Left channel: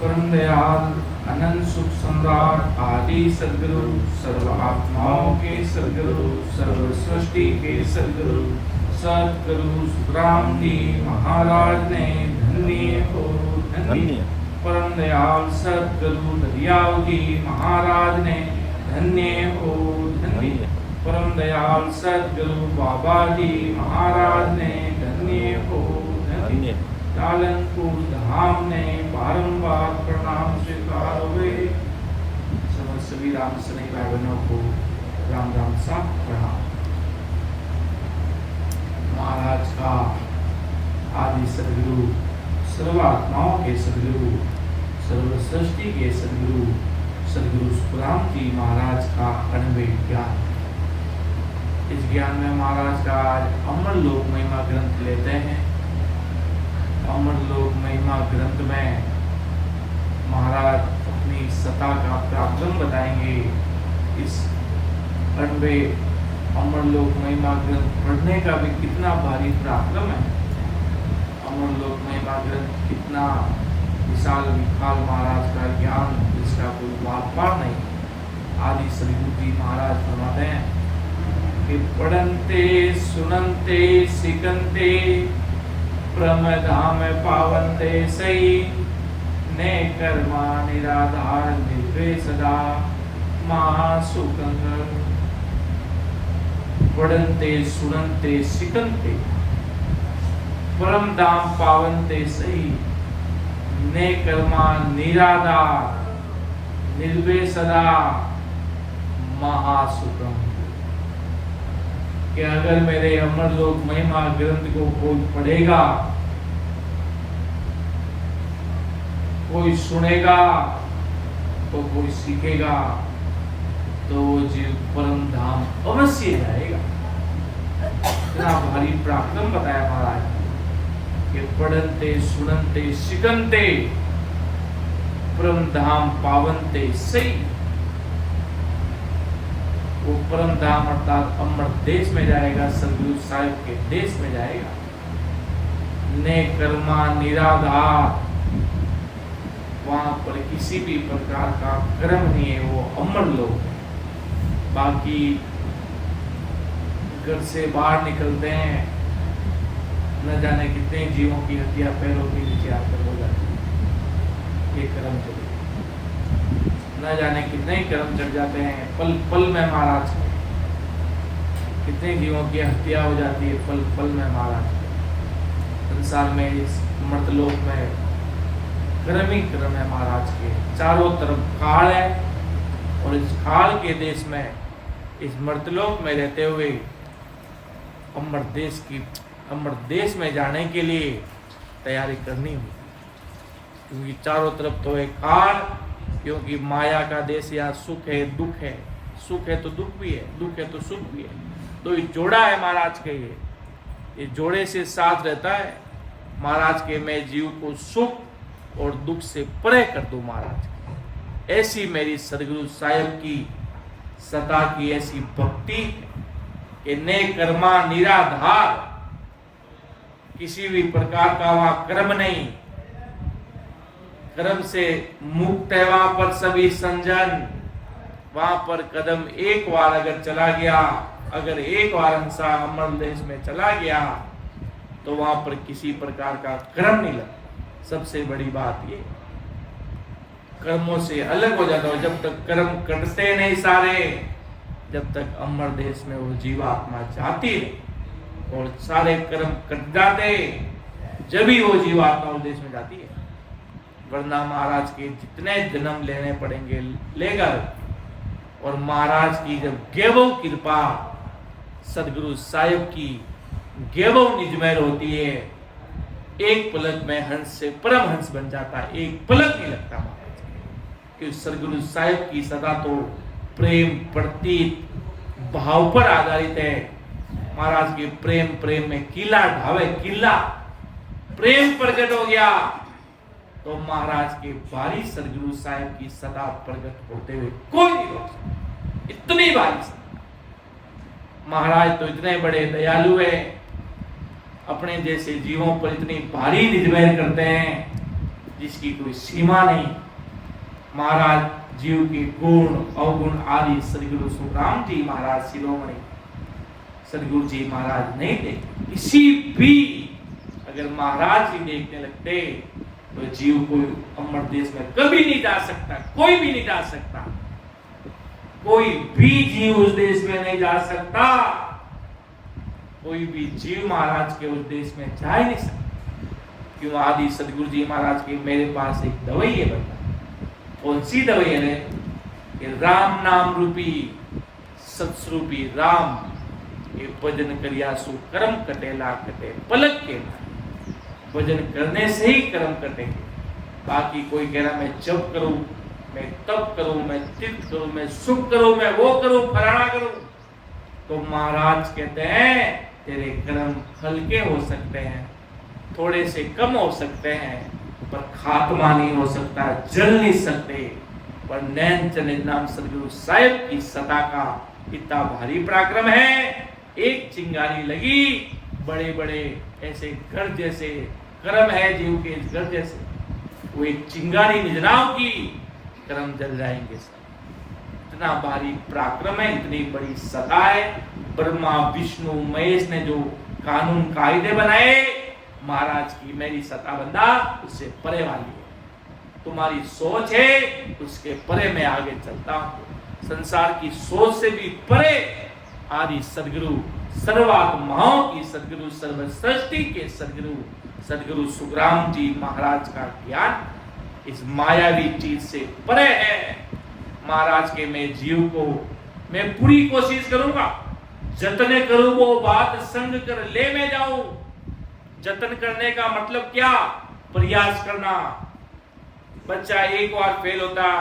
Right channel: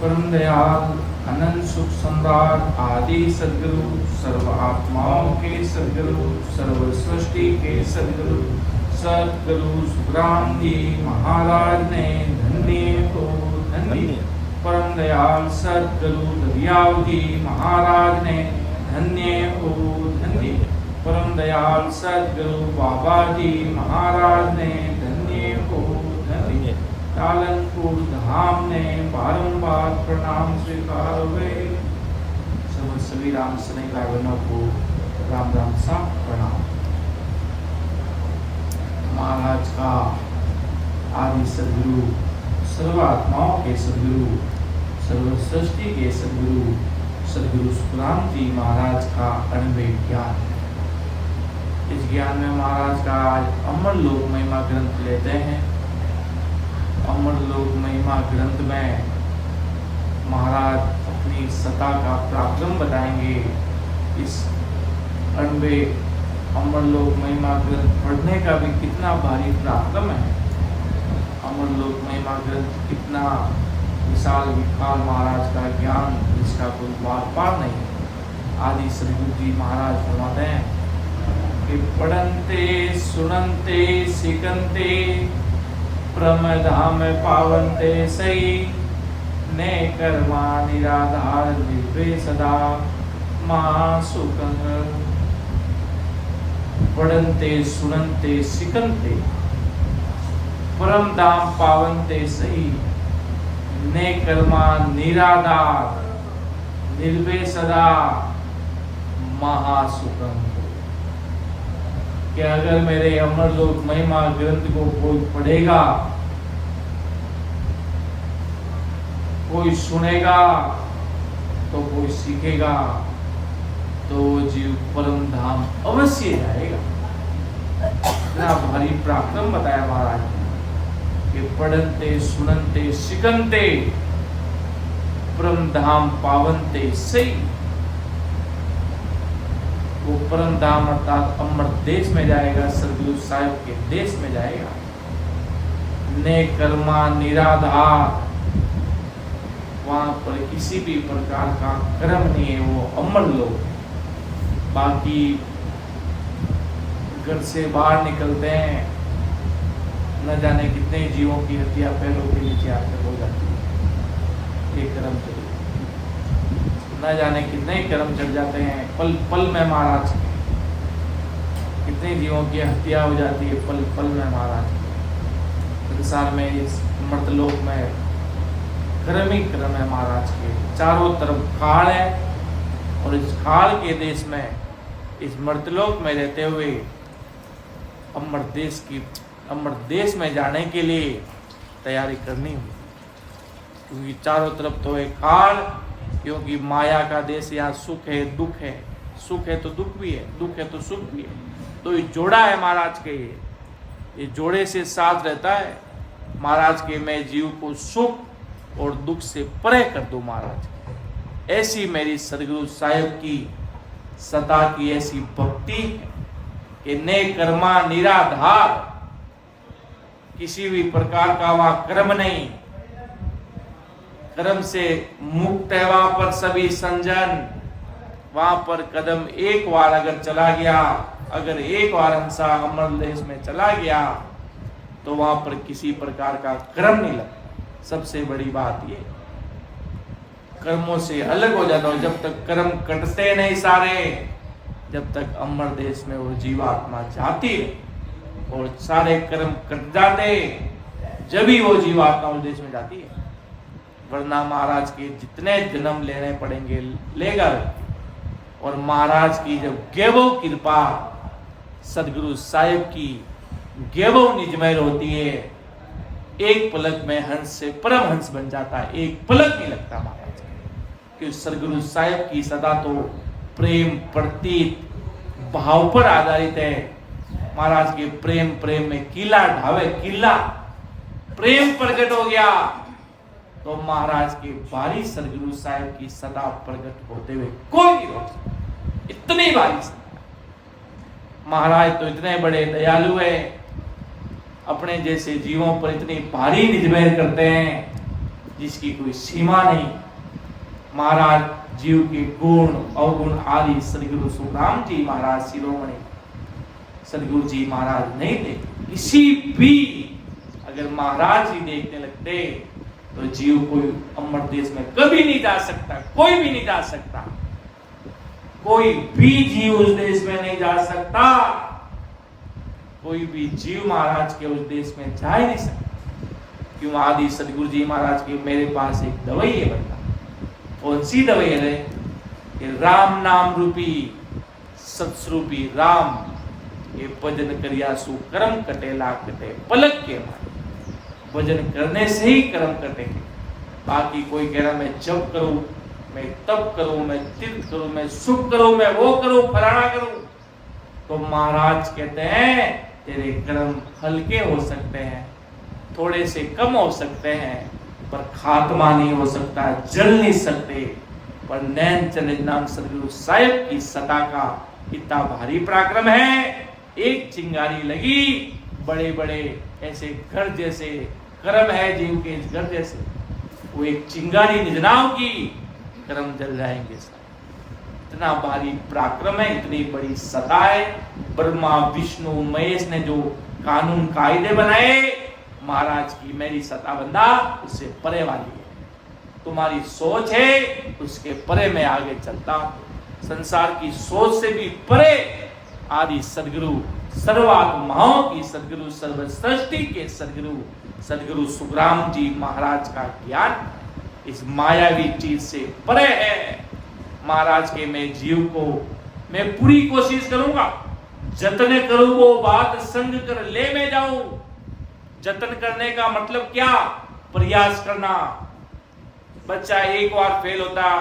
परम दयाल अनंत सुख सम्राट आदि सदगुरु, सर्व आत्माओं के सदगुरु, सर्व सृष्टि के सदगुरु, सदगुरु सुखराम जी महाराज ने धन्य तो धन्य। परम दयाल सदगुरु दरियाव जी महाराज ने धन्य हो धन्य। परम दयाल सदगुरु बाबा जी महाराज ने धन्य हो धन्य। कालनपुर धाम ने बारंबार प्रणाम स्वीकार हुए। समस्त सभी राम सनई भाई बहनों को राम राम सा प्रणाम। महाराज का आदि सदगुरु, सर्व आत्माओं के सदगुरु, सर्व सृष्टि के सदगुरु, सदगुरु सुखराम जी महाराज का अनन्य ज्ञान। इस ज्ञान में महाराज का अमर लोक महिमा ग्रंथ लेते हैं। अमर लोक महिमा ग्रंथ में महाराज अपनी सत्ता का पराक्रम बताएंगे। इस अनबे अमर लोक महिमा ग्रंथ पढ़ने का भी कितना भारी पराक्रम है। अमर लोक महिमा ग्रंथ कितना विशाल विशाल महाराज का ज्ञान, जिसका कोई बात पार नहीं। आदि सदगुरु जी महाराज फरमाते हैं कि पढ़नते सुनते सिकनते प्रमधाम पावनते सही ने कर्मा निराधार निर्भय सदा महासुखंग। पढ़नते सुनते सिकनते परम धाम पावनते सही ने कर्मा निराधार निर्भय सदा महासुखंग। कि अगर मेरे अमर लोक महिमा ग्रंथ को कोई पढ़ेगा, कोई सुनेगा, तो कोई सीखेगा, तो जीव परम धाम अवश्य जाएगा। इतना भारी पराक्रम बताया महाराज कि पढ़नते सुनते सिकनते परम धाम पावनते सही। वो परम धाम अर्थात अमर देश में जाएगा, सदगुरु साहिब के देश में जाएगा। ने कर्मा निराधार, वहां पर किसी भी प्रकार का कर्म नहीं है, वो अमर लोग है। बाकी घर से बाहर निकलते हैं, न जाने कितने जीवों की हत्या पैरों के नीचे आकर हो जाती है। एक कर्म चले, न जाने कितने ही कर्म चढ़ जाते हैं पल पल में महाराज के। कितने जीवों की हत्या हो जाती है पल पल में महाराज के। संसार में इस मर्तलोक में कर्म ही कर्म है महाराज के। चारों तरफ काल है, और इस काल के देश में, इस मर्तलोक में रहते हुए अमर देश में जाने के लिए तैयारी करनी होगी। क्योंकि चारों तरफ तो एक काल, क्योंकि माया का देश यहाँ सुख है दुख है, सुख है तो दुख भी है, दुख है तो सुख भी है। तो ये जोड़ा है महाराज के, ये जोड़े से साथ रहता है महाराज के। मैं जीव को सुख और दुख से परे कर दूं महाराज। ऐसी मेरी सदगुरु साहिब की सता की ऐसी भक्ति कि ने कर्मा निराधार, किसी भी प्रकार का वहां कर्म नहीं, कर्म से मुक्त है वहां पर सभी संजन। वहां पर कदम एक बार अगर चला गया, अगर एक बार अंसा अमर देश में चला गया, तो वहां पर किसी प्रकार का कर्म नहीं लगता। सबसे बड़ी बात ये, कर्मों से अलग हो जाता हो। जब तक कर्म कटते नहीं सारे, जब तक अमर देश में वो जीवात्मा जाती है, और सारे कर्म कट जाते जब ही वो जीवात्मा उस देश में जाती है। वरना महाराज के जितने जन्म लेने पड़ेंगे लेगा। और महाराज की जब गैवव कृपा, सदगुरु साहिब की गैवव निजमेर होती है, एक पलक में हंस से परम हंस बन जाता है। एक पलक नहीं लगता महाराज कि सदगुरु साहिब की सदा तो प्रेम प्रतीत भाव पर आधारित है। महाराज के प्रेम में किला ढावे, किला प्रेम प्रकट हो गया, तो महाराज के बारी सदगुरु साहिब की सदा प्रकट होते हुए कोई नहीं रोक सकता। इतनी बारी महाराज तो इतने बड़े दयालु है, अपने जैसे जीवों पर इतनी भारी निजमेर करते हैं जिसकी कोई सीमा नहीं। महाराज जीव के गुण अवगुण आदि सदगुरु सुखराम जी महाराज शिरोमणि सदगुरु जी महाराज नहीं देखते। किसी भी अगर महाराज जी देखने लगते तो जीव कोई अमर देश में कभी नहीं जा सकता, कोई भी नहीं जा सकता, कोई भी जीव उस देश में नहीं जा सकता, कोई भी जीव महाराज के उस देश में जा ही नहीं सकता। क्यों? आदि सदगुरु जी महाराज के मेरे पास एक दवाई है बंदा। कौन सी दवाई है? कि राम नाम रूपी सत्स्वरूपी राम ये भजन करिया सु कर्म कटेला कटे पलक के मारे। भजन करने से ही कर्म कटेंगे। बाकी कोई कह रहा मैं जप करूं, मैं तप करूं, मैं तीर्थ करूं, मैं सुख करूं, मैं वो करूं, फलाना करूं, तो महाराज कहते हैं तेरे कर्म हल्के हो सकते हैं, थोड़े से कम हो सकते हैं, पर खात्मा नहीं हो सकता, जल नहीं सकते। पर नैन चंद्र नाम सदगुरु साहिब की सता का इतना भारी पराक्रम है। एक चिंगारी लगी, बड़े बड़े ऐसे घर जैसे कर्म है जीव के इस घर जैसे, वो एक चिंगारी निजनाओं की कर्म जल जाएंगे सब। इतना भारी पराक्रम है, इतनी बड़ी सता है। ब्रह्मा विष्णु महेश ने जो कानून कायदे बनाए, महाराज की मेरी सता बंदा उससे परे वाली है। तुम्हारी सोच है उसके परे मैं आगे चलता हूं। संसार की सोच से भी परे आदि सदगुरु सर्वात्माओं की सदगुरु सर्व सृष्टि के सदगुरु सुखराम जी महाराज का ज्ञान इस मायावी चीज से परे है। महाराज के मैं जीव को मैं पूरी कोशिश करूंगा, जतन करूं वो बात संग कर ले मैं जाऊं। जतन करने का मतलब क्या? प्रयास करना। बच्चा एक बार फेल होता,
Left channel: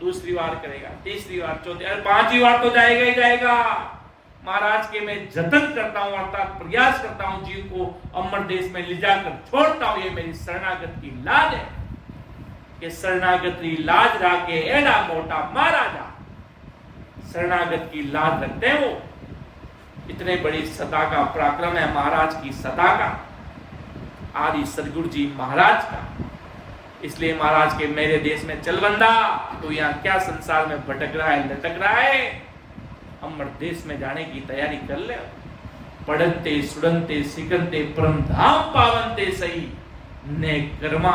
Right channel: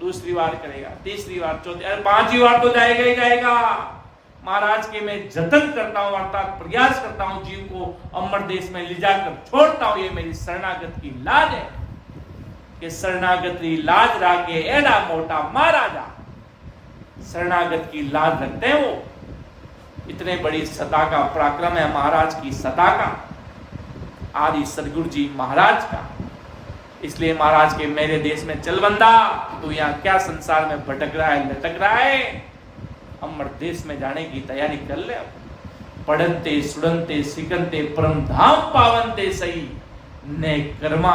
दूसरी बार करेगा, तीसरी बार, चौथी, 5वीं बार तो जाएगा ही जाएगा। महाराज के मैं जतन करता हूं, अर्थात प्रयास करता हूं जीव को अमर देश में ले जाकर छोड़ता हूं। ये मेरी शरणागत की लाज है कि शरणागत की लाज राके एड़ा मोटा महाराजा। शरणागत की लाज रखते हैं वो। इतने बड़ी सता का पराक्रम है महाराज की सता का, आदि सदगुरु जी महाराज का। इसलिए महाराज के मेरे देश में चल बंदा, तो यहाँ क्या संसार में भटक रहा है, लटक रहा है? अमर देश में जाने की तैयारी कर ले। पढ़ते सुड़नते सिकनते परम धाम पावनते सही ने कर्मा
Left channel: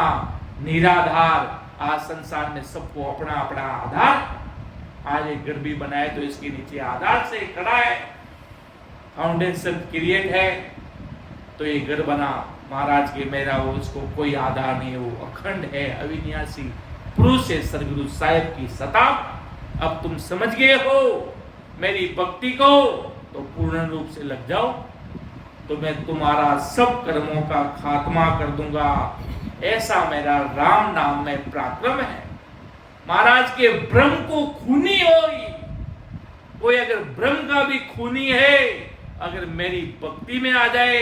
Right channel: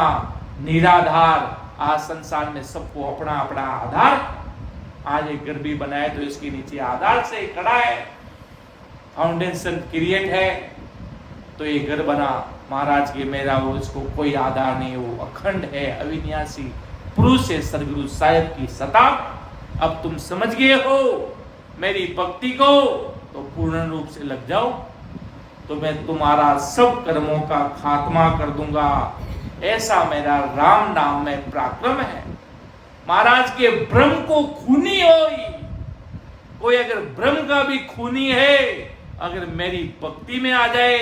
निराधार। आज संसार में सबको अपना अपना आधार। आज एक घर भी बनाए तो इसके नीचे आधार से खड़ा है, फाउंडेशन क्रिएट है, तो ये घर बना महाराज के मेरा, वो इसको कोई आधार नहीं, वो अखंड है, अविनाशी पुरुष है सदगुरु साहिब की सता। अब तुम समझ गए हो मेरी भक्ति को, तो पूर्ण रूप से लग जाओ, तो मैं तुम्हारा सब कर्मों का खात्मा कर दूंगा। ऐसा मेरा राम नाम में पराक्रम है। महाराज के ब्रह्म को खूनी होई, कोई अगर ब्रह्म का भी खूनी है, अगर मेरी भक्ति में आ जाए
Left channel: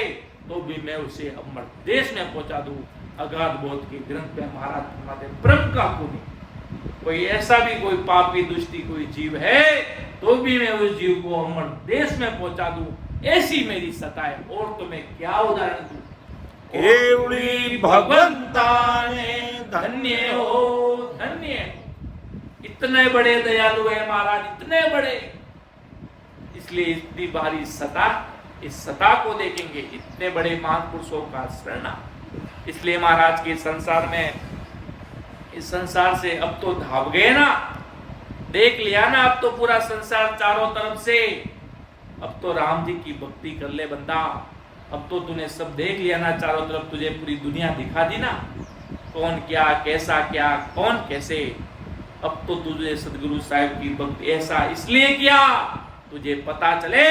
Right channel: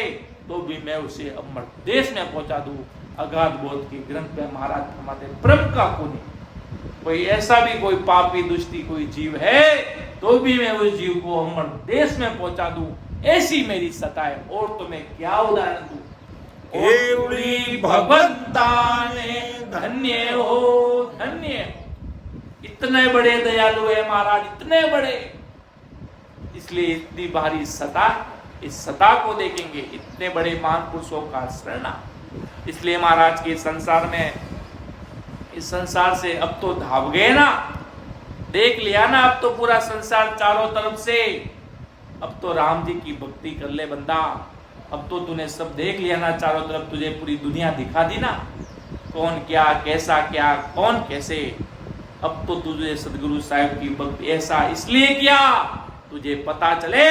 तो भी मैं उसे अमर देश में पहुंचा दूं। अगाध बोध के ग्रंथ में महाराज फरमाते ब्रह्म का खूनी। कोई ऐसा भी कोई पापी दुष्टी कोई जीव है तो भी मैं उस जीव को अमर देश में पहुंचा दूं। ऐसी मेरी सता है। और तो मैं क्या उदाहरण दूं? भगवंता ने धन्य हो, धन्य हो। इतने बड़े दयालु है महाराज, इतने बड़े। इसलिए इतनी भारी सता, इस सता को देखेंगे, इतने बड़े महापुरुषों का शरणा। इसलिए महाराज के संसार में, इस संसार से अब तो धाव गए ना, देख लिया ना अब तो पूरा संसार चारों तरफ से। अब तो राम जी की भक्ति कर ले बंदा। अब तो तूने सब देख लिया ना चारों तरफ, तुझे पूरी दुनिया दिखा दी ना, कौन क्या, कैसा क्या, कौन कैसे। अब तो तुझे सदगुरु साहिब की भक्ति ऐसा इसलिए किया तुझे पता चले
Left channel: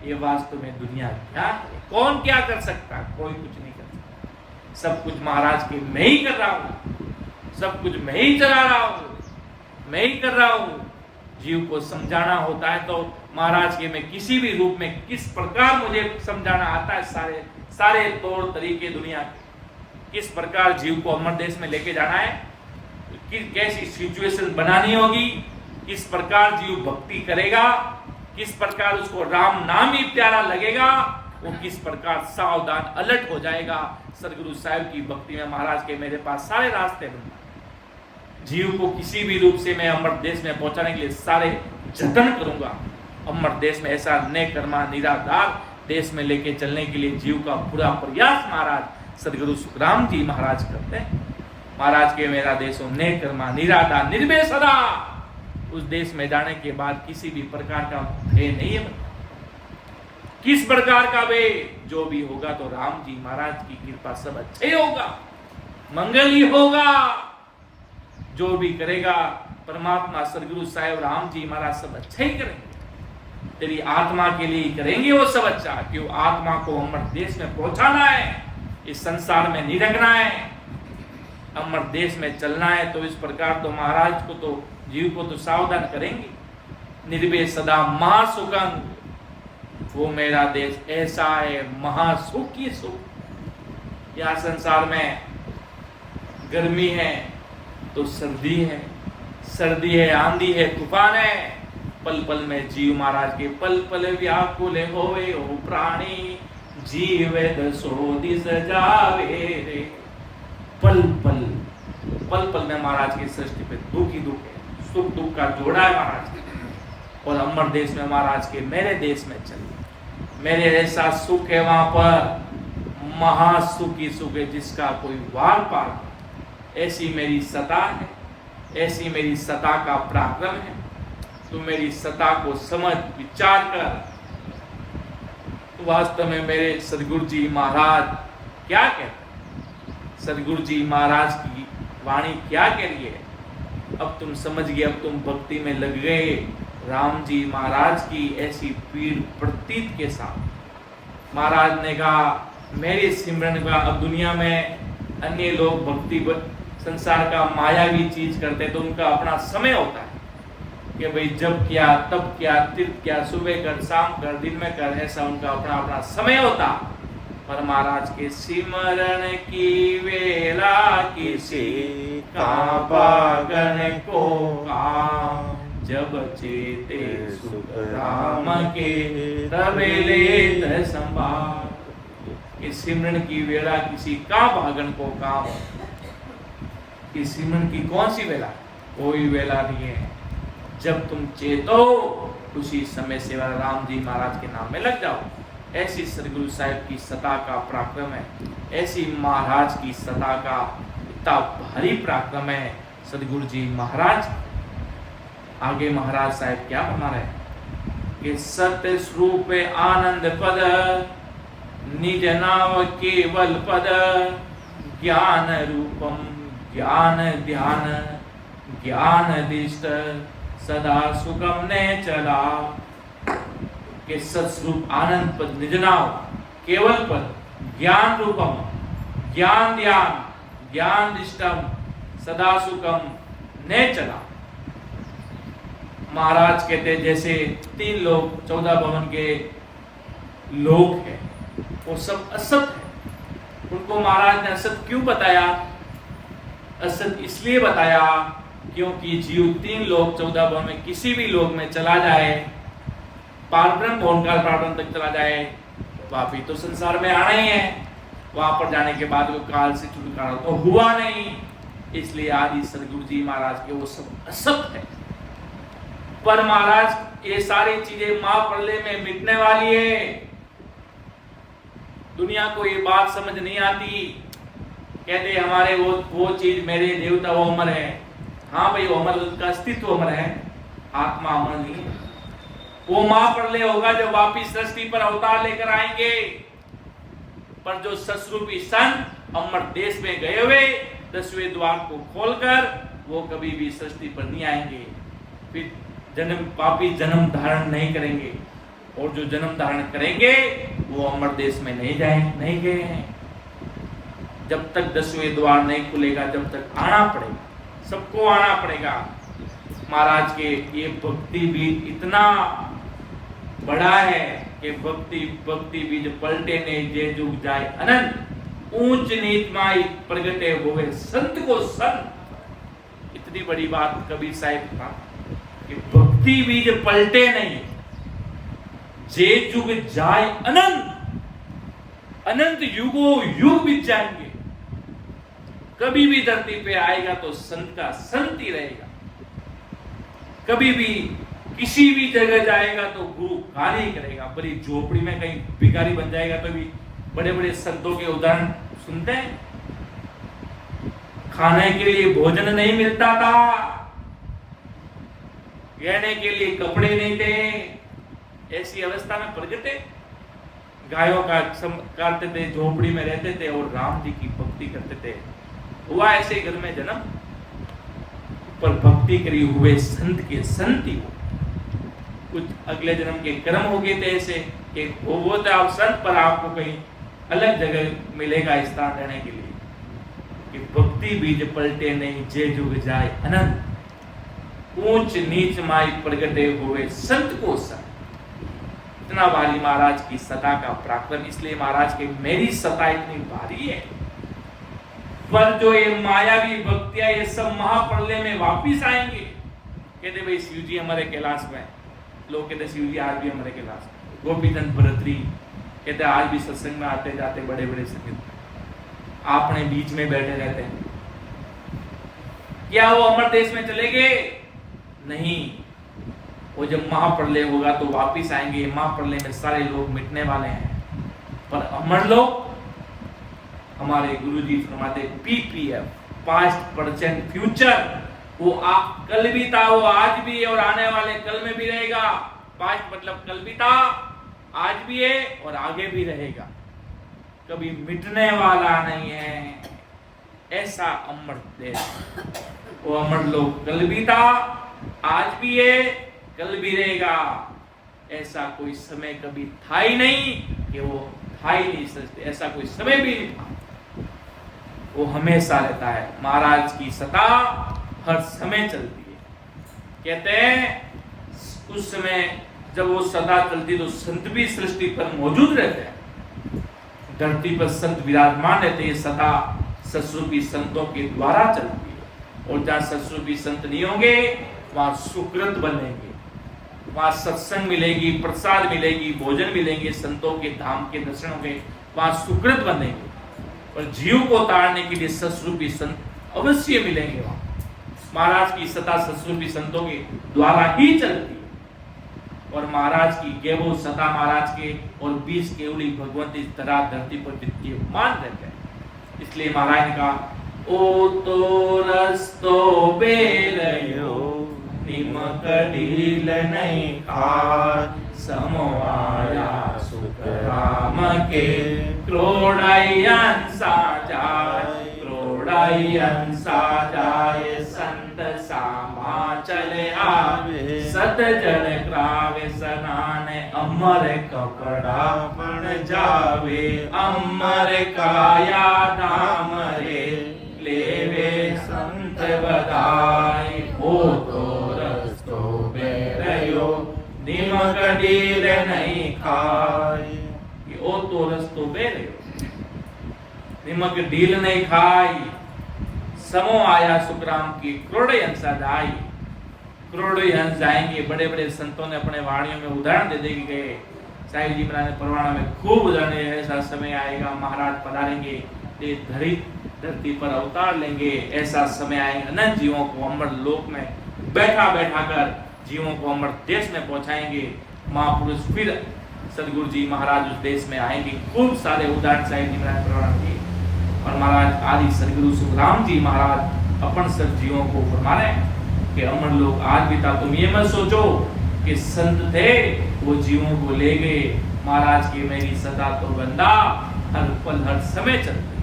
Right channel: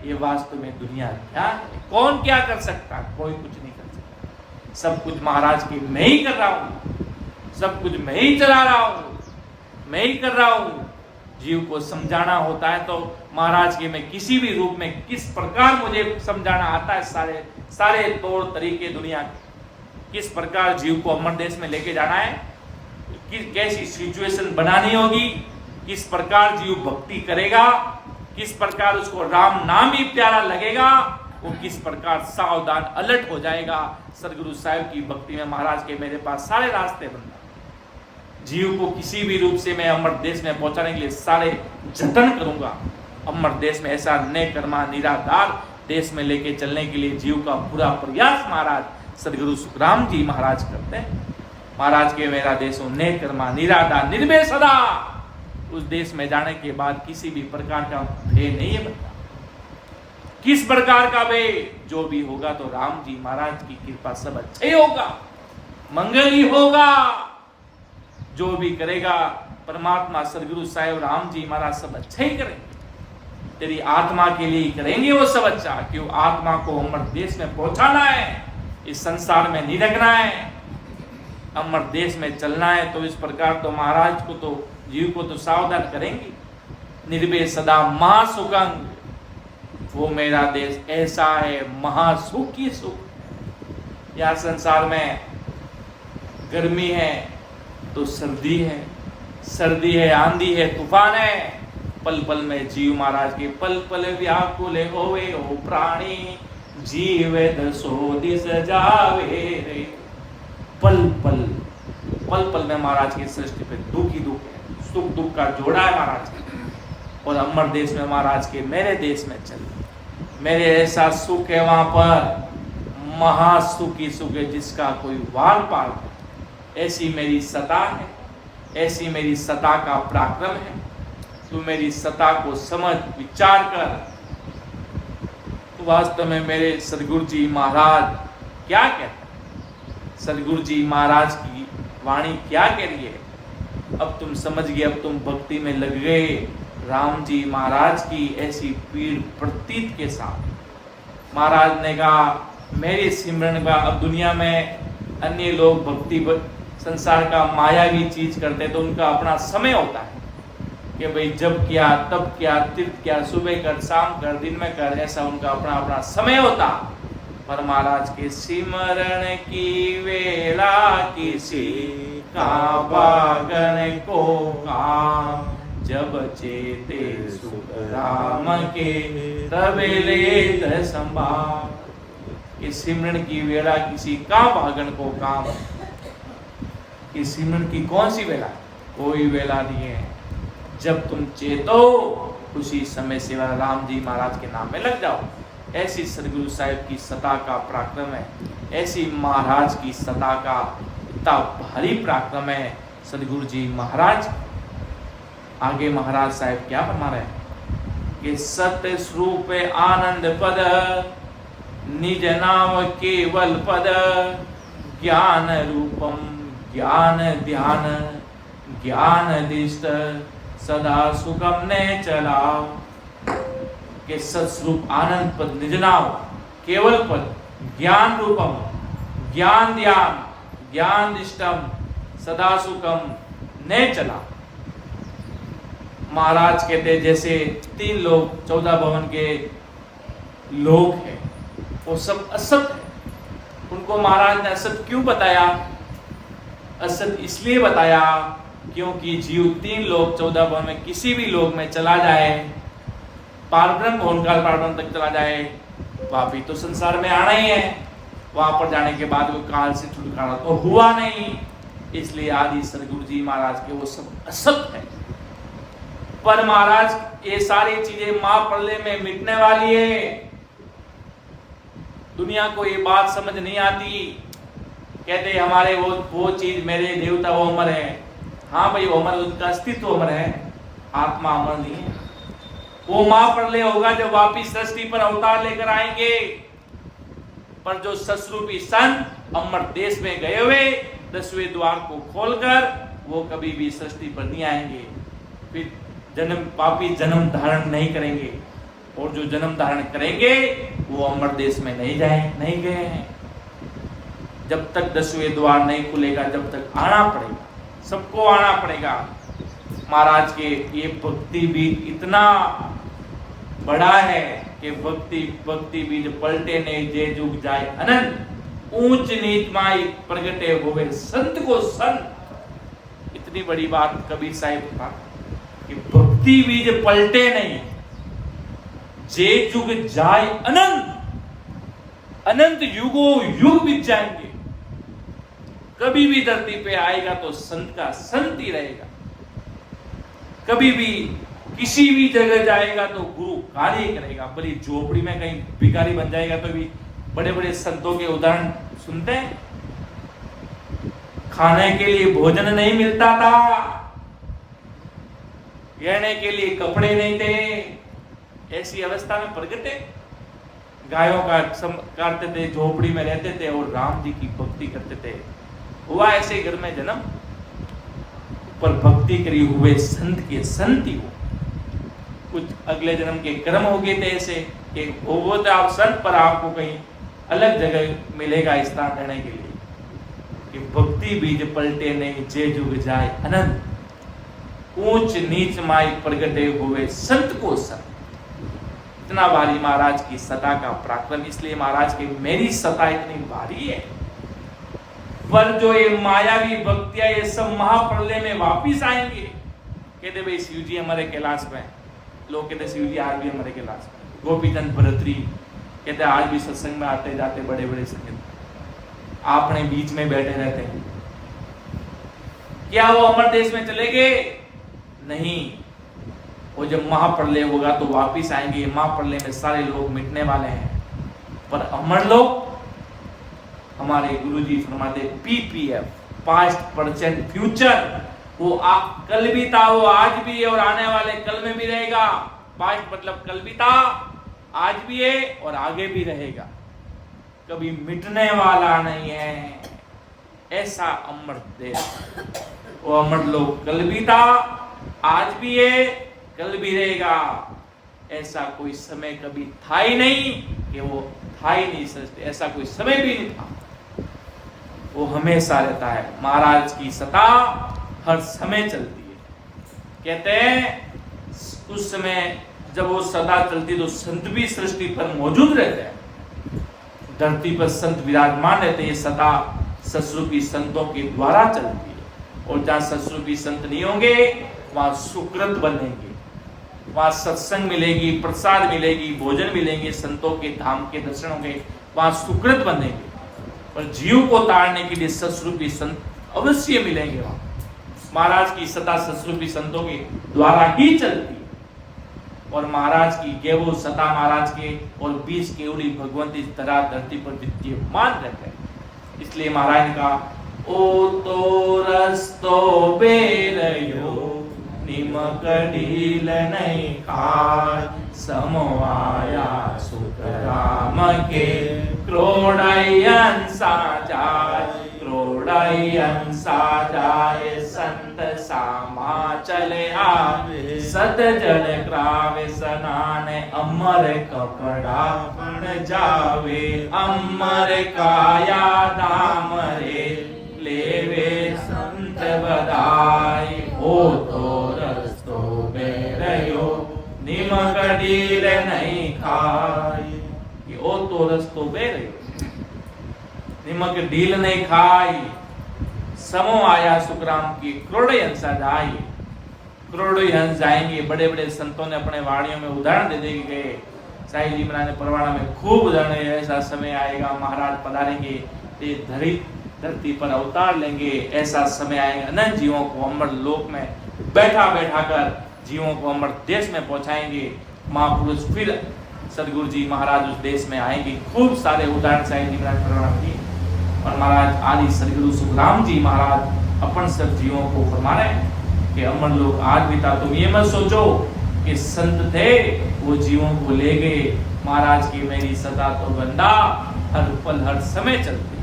ये वास्तव में दुनिया क्या है, कौन क्या कर सकता, कोई कुछ नहीं कर सकता। सब कुछ महाराज के मैं ही कर रहा हूं, सब कुछ मैं ही चला रहा हूं, मैं ही कर रहा हूं। जीव को समझाना होता है तो महाराज के मैं किसी भी रूप में किस प्रकार मुझे समझाना आता है, सारे तौर तरीके दुनिया के, किस प्रकार जीव को अमर देश में लेके जाना है, कैसी सिचुएशन बनानी होगी, किस प्रकार जीव भक्ति करेगा, किस प्रकार उसको राम नाम ही प्यारा लगेगा, वो किस प्रकार सावधान अलर्ट हो जाएगा। सदगुरु साहिब की भक्ति में महाराज के मेरे पास सारे रास्ते बंद, जीव को किसी भी रूप से मैं अमर देश में पहुंचाने के लिए सारे जतन करूंगा। अमर देश में ऐसा नेकर्मा निराधार देश में लेके चलने के लिए जीव का पूरा प्रयास महाराज सदगुरु सुखराम जी महाराज करते हैं। महाराज के मेरा देश हो नेकर्मा निराधार निर्भय सदा। उस देश में जाने के बाद किसी भी प्रकार का भय नहीं है बनता। किस प्रकार का भय? जो भी होगा तो राम जी महाराज की कृपा सब अच्छा ही होगा, मंगल ही होगा। जो भी करेगा परमात्मा सदगुरु साहिब राम जी महाराज सब अच्छा ही करेंगे। तेरी आत्मा के लिए ही करेंगे वो सब अच्छा। क्यों? आत्मा को अमर देश में पहुंचाना है, इस संसार में नहीं रखना है, अमर देश में चलना है। तो इस प्रकार तो महाराज को तो जीव को तो सावधान करेंगे। निर्भय सदा महासुखंग, वो मेरा देश ऐसा है महासुख की सुख। यहाँ संसार में गर्मी है तो सर्दी है, सर्दी है आंधी है तूफान है। पल पल में जीव महाराज के पल पल व्याकुल होवे ओ प्राणी, जीव दसो दिस जावे रे। पल पल पल पल में महाराज की सृष्टि पे दुख ही दुख है, सुख दुख का जोड़ा है महाराज के। और अमर देश में महाराज के मेरे देश में चल, मेरे ऐसा सुख है वहां पर, महासुख ही सुख है जिसका कोई वार पार है। ऐसी मेरी सत्ता है, ऐसी मेरी सत्ता का पराक्रम है। तू मेरी सत्ता को समझ विचार कर। तो वास्तव में मेरे सदगुरु जी महाराज क्या कहते हैं, सदगुरु जी महाराज की वाणी क्या कह रही है। अब तुम समझ गए, अब तुम भक्ति में लग गए। राम जी महाराज की ऐसी पीड़ प्रतीत के साथ महाराज ने कहा मेरे सिमरन का। अब दुनिया में अन्य लोग भक्ति संसार का मायावी चीज करते तो उनका अपना समय होता है कि भाई जब किया तब किया, तीर्थ किया, सुबह कर शाम कर दिन में कर, ऐसा उनका अपना अपना समय होता। पर महाराज के सिमरन की वेला किसी का बागन को काम, जब चेते सुख राम के तब लेत संभाल। इस सिमरन की वेला किसी का भागन को काम। इस सिमरन की कौन सी वेला? कोई वेला नहीं है। जब तुम चेतो उसी समय से राम जी महाराज के नाम में लग जाओ। ऐसी सदगुरु साहिब की सत्ता का पराक्रम है, ऐसी महाराज की सत्ता का इतना भारी पराक्रम है सदगुरु जी महाराज। आगे महाराज साहब क्या फरमा रहे हैं कि सत्य स्वरूप आनंद पद, निज नाम केवल पद, ज्ञान रूपम ज्ञान ध्यान, ज्ञान दिष्ट सदा सुगम ने चला। के सत्स्वरूप आनंद पद, निज नाम केवल पद, ज्ञान रूपम ज्ञान ध्यान, ज्ञान दिष्टम सदा सुखम ने चला। महाराज कहते जैसे 3 लोग 14 भवन के लोग हैं, वो सब असत है। उनको महाराज ने असत क्यों बताया? असत इसलिए बताया क्योंकि जीव 3 लोग 14 भवन में किसी भी लोग में चला जाए, पारब्रह्म भवन काल पारब्रह्म तक चला जाए, वापिस तो संसार में आना ही है। वहां पर जाने के बाद वो काल से छुटकारा तो हुआ नहीं। इसलिए आदि सदगुरु जी महाराज के वो सब असत है। पर महाराज ये सारी चीजें महाप्रलय में मिटने वाली है। दुनिया को ये बात समझ नहीं आती। कहते हमारे वो चीज मेरे देवता वो अमर है। हाँ भाई, वो अमर, उसका अस्तित्व अमर है, आत्मा अमर नहीं है। वो महाप्रलय होगा जब वापिस सृष्टि पर अवतार लेकर आएंगे। पर जो सस्वरूपी संत अमर देश में गए हुए 10वें द्वार को खोलकर, वो कभी भी सृष्टि पर नहीं आएंगे। फिर पापी जन्म धारण नहीं करेंगे। और जो जन्म धारण करेंगे वो अमर देश में नहीं गए हैं। जब तक 10वें द्वार नहीं खुलेगा, जब तक आना पड़ेगा, सबको आना पड़ेगा। महाराज के ये भक्ति बीज इतना बड़ा है कि भक्ति बीज पलटे ने जे जुग जाए अनंत, ऊंच नीच माई प्रगटे हुए संत को संत। इतनी बड़ी बात कबीर साहिब का कि भक्ति बीज पलटे नहीं, जे जुग जाए अनंत, अनंत युगों युग बीत जाएंगे, कभी भी धरती पे आएगा तो संत का संत ही रहेगा। कभी भी किसी भी जगह जाएगा तो गुरु कार्य करेगा। बड़ी झोपड़ी में कहीं भिखारी बन जाएगा तो भी बड़े बड़े संतों के उदाहरण सुनते हैं। खाने के लिए भोजन नहीं मिलता था, रहने के लिए कपड़े नहीं थे, ऐसी अवस्था में प्रगटे, गायों का काटते थे, झोपड़ी में रहते थे और राम जी की भक्ति करते थे। हुआ ऐसे घर में जन्म, पर भक्ति करी हुए संत के संत ही हो। कुछ अगले जन्म के कर्म हो गए थे ऐसे कि वो तो आप संत, पर आपको कहीं अलग जगह मिलेगा स्थान रहने के लिए। कि भक्ति बीज पलटे नहीं, जे जुग जाए अनंत, ऊंच नीच माई प्रगटे हुए संत को संत। इतना भारी महाराज की सता का पराक्रम, इसलिए महाराज की मेरी सता इतनी भारी है। पर जो ये मायावी भक्तियां, ये सब महाप्रलय में वापिस आएंगे। कहते भाई शिव जी हमारे कैलाश में, लोग कहते शिव जी आज भी हमारे कैलाश में। गोपीचंद भरतरी कहते आज भी सत्संग में आते जाते बड़े बड़े संगीत, आपने बीच में बैठे रहते हैं। क्या वो अमर देश में चले गए? नहीं, वो जब महाप्रलय होगा तो वापिस आएंगे। महाप्रलय में सारे लोग मिटने वाले हैं, पर अमर लोग, हमारे गुरुजी फरमाते PPF, पास्ट प्रेजेंट फ्यूचर, वो कल भी था, वो आज भी है और आने वाले कल में भी रहेगा। पास्ट मतलब कल भी था, आज भी है और आगे भी रहेगा, कभी मिटने वाला नहीं है। ऐसा अमर देश, वो अमर लोग कल भी था, आज भी है, कल भी रहेगा। ऐसा कोई समय कभी था ही नहीं कि वो था ही नहीं सकते, ऐसा कोई समय भी नहीं था, वो हमेशा रहता है। महाराज की सता हर समय चलती है। कहते हैं उस समय जब वो सदा चलती तो संत भी सृष्टि पर मौजूद रहते हैं, धरती पर संत विराजमान रहते। ये सदा सत्स्वरूपी संतों के द्वारा चलती है, और जहां सत्स्वरूपी संत नहीं होंगे वहां सुकृत बनेंगे, वहां सत्संग मिलेगी, प्रसाद मिलेगी, भोजन मिलेंगे, संतों के धाम के दर्शन होंगे, वहां सुकृत बनेंगे। और जीव को तारने के लिए सत्स्वरूपी संत अवश्य मिलेंगे वहां। महाराज की सता सत्स्वरूपी संतों के द्वारा ही चलती है, और महाराज की गेवो सता महाराज के और 20 केवली भगवंती धरा धरती पर विद्यमान रहते हैं। इसलिए महाराज ने कहा ओ तो रस्तो बेरयो निमक ढील नहीं खाय, समो आया सुख राम के क्रोड़यन साजाय, क्रोड़यन साजाय संत सामा चले आवे, सत जल क्रावे स्नान अमर कपड़ा पुन जावे, अमर काया दाम रे लेवे संत बधाई, हो तो रस्तो बेरयो निमक ढील नहीं खाई। ओ तो रस्तो बेरयो निमक ढील नहीं खाई, समो आया सुखराम की क्रोड़ हंसा जाए। करोड़ों हंस जाएंगे। बड़े बड़े संतों ने अपने वाणियों में उदाहरण दे दे गए। साईं जी महाराज ने परवाना में खूब उदाहरण, ऐसा समय आएगा महाराज पधारेंगे, ये धरती पर अवतार लेंगे, ऐसा समय आएगा अनंत जीवों को अमर लोक में बैठा बैठा कर जीवों को अमर देश में पहुंचाएंगे। महापुरुष फिर सदगुरु जी महाराज उस देश में आएंगे। खूब सारे उदाहरण साईं जी महाराज परवाना दिए। और महाराज आदि सदगुरु सुखराम जी महाराज अपन सब जीवों को फरमा रहे हैं कि अमर लोग आज भी था। तुम ये मत सोचो कि संत थे वो जीवों को ले गए। महाराज की मेरी सदा तो गंदा हर पल हर समय चलते।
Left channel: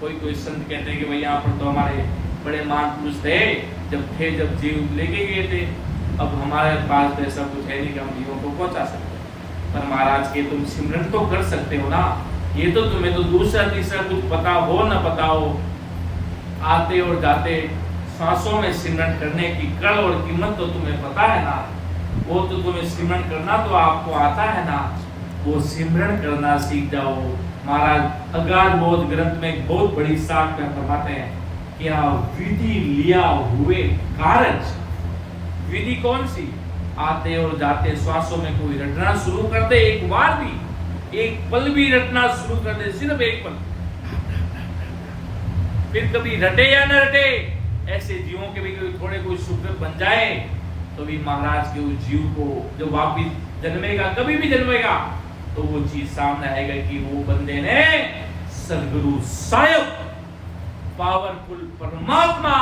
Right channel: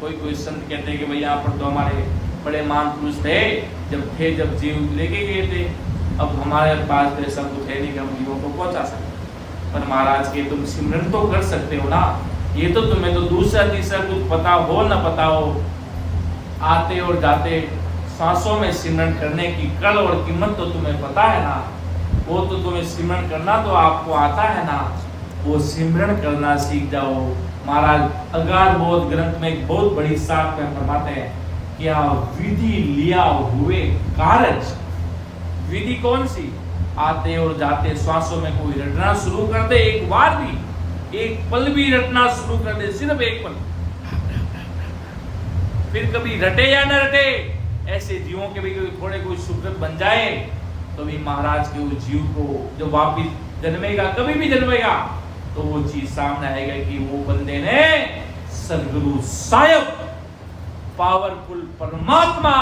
कोई संत कहते हैं कि भाई यहाँ पर तो हमारे बड़े महान पुरुष थे, जब जीव लेके गए थे, अब हमारे पास तो ऐसा कुछ है नहीं कि हम जीवों को पहुंचा सकते। पर महाराज के तुम सिमरन तो कर सकते हो ना। ये तो तुम्हें तो दूसरा तीसरा कुछ पता हो न पता हो, आते और जाते सांसों में सिमरन करने की कल और कीमत तो तुम्हें पता है ना। वो तो तुम्हें सिमरन करना तो आपको आता है ना, वो सिमरन करना सीख जाओ। महाराज अगाध बोध ग्रंथ में एक बहुत बड़ी साख में फरमाते हैं क्या विधि लिया हुए कारज। विधि कौन सी? आते और जाते श्वासों में कोई रटना शुरू कर दे एक बार भी एक पल भी रटना शुरू कर दे, सिर्फ एक पल, फिर कभी रटे या न रटे, ऐसे जीवों के भी थोड़े कोई सुकृत बन जाए तो भी महाराज के उस जीव को जो वापिस जन्मेगा, कभी भी जन्मेगा, तो वो चीज सामने आएगा कि वो बंदे ने सदगुरु साहेब पावरफुल परमात्मा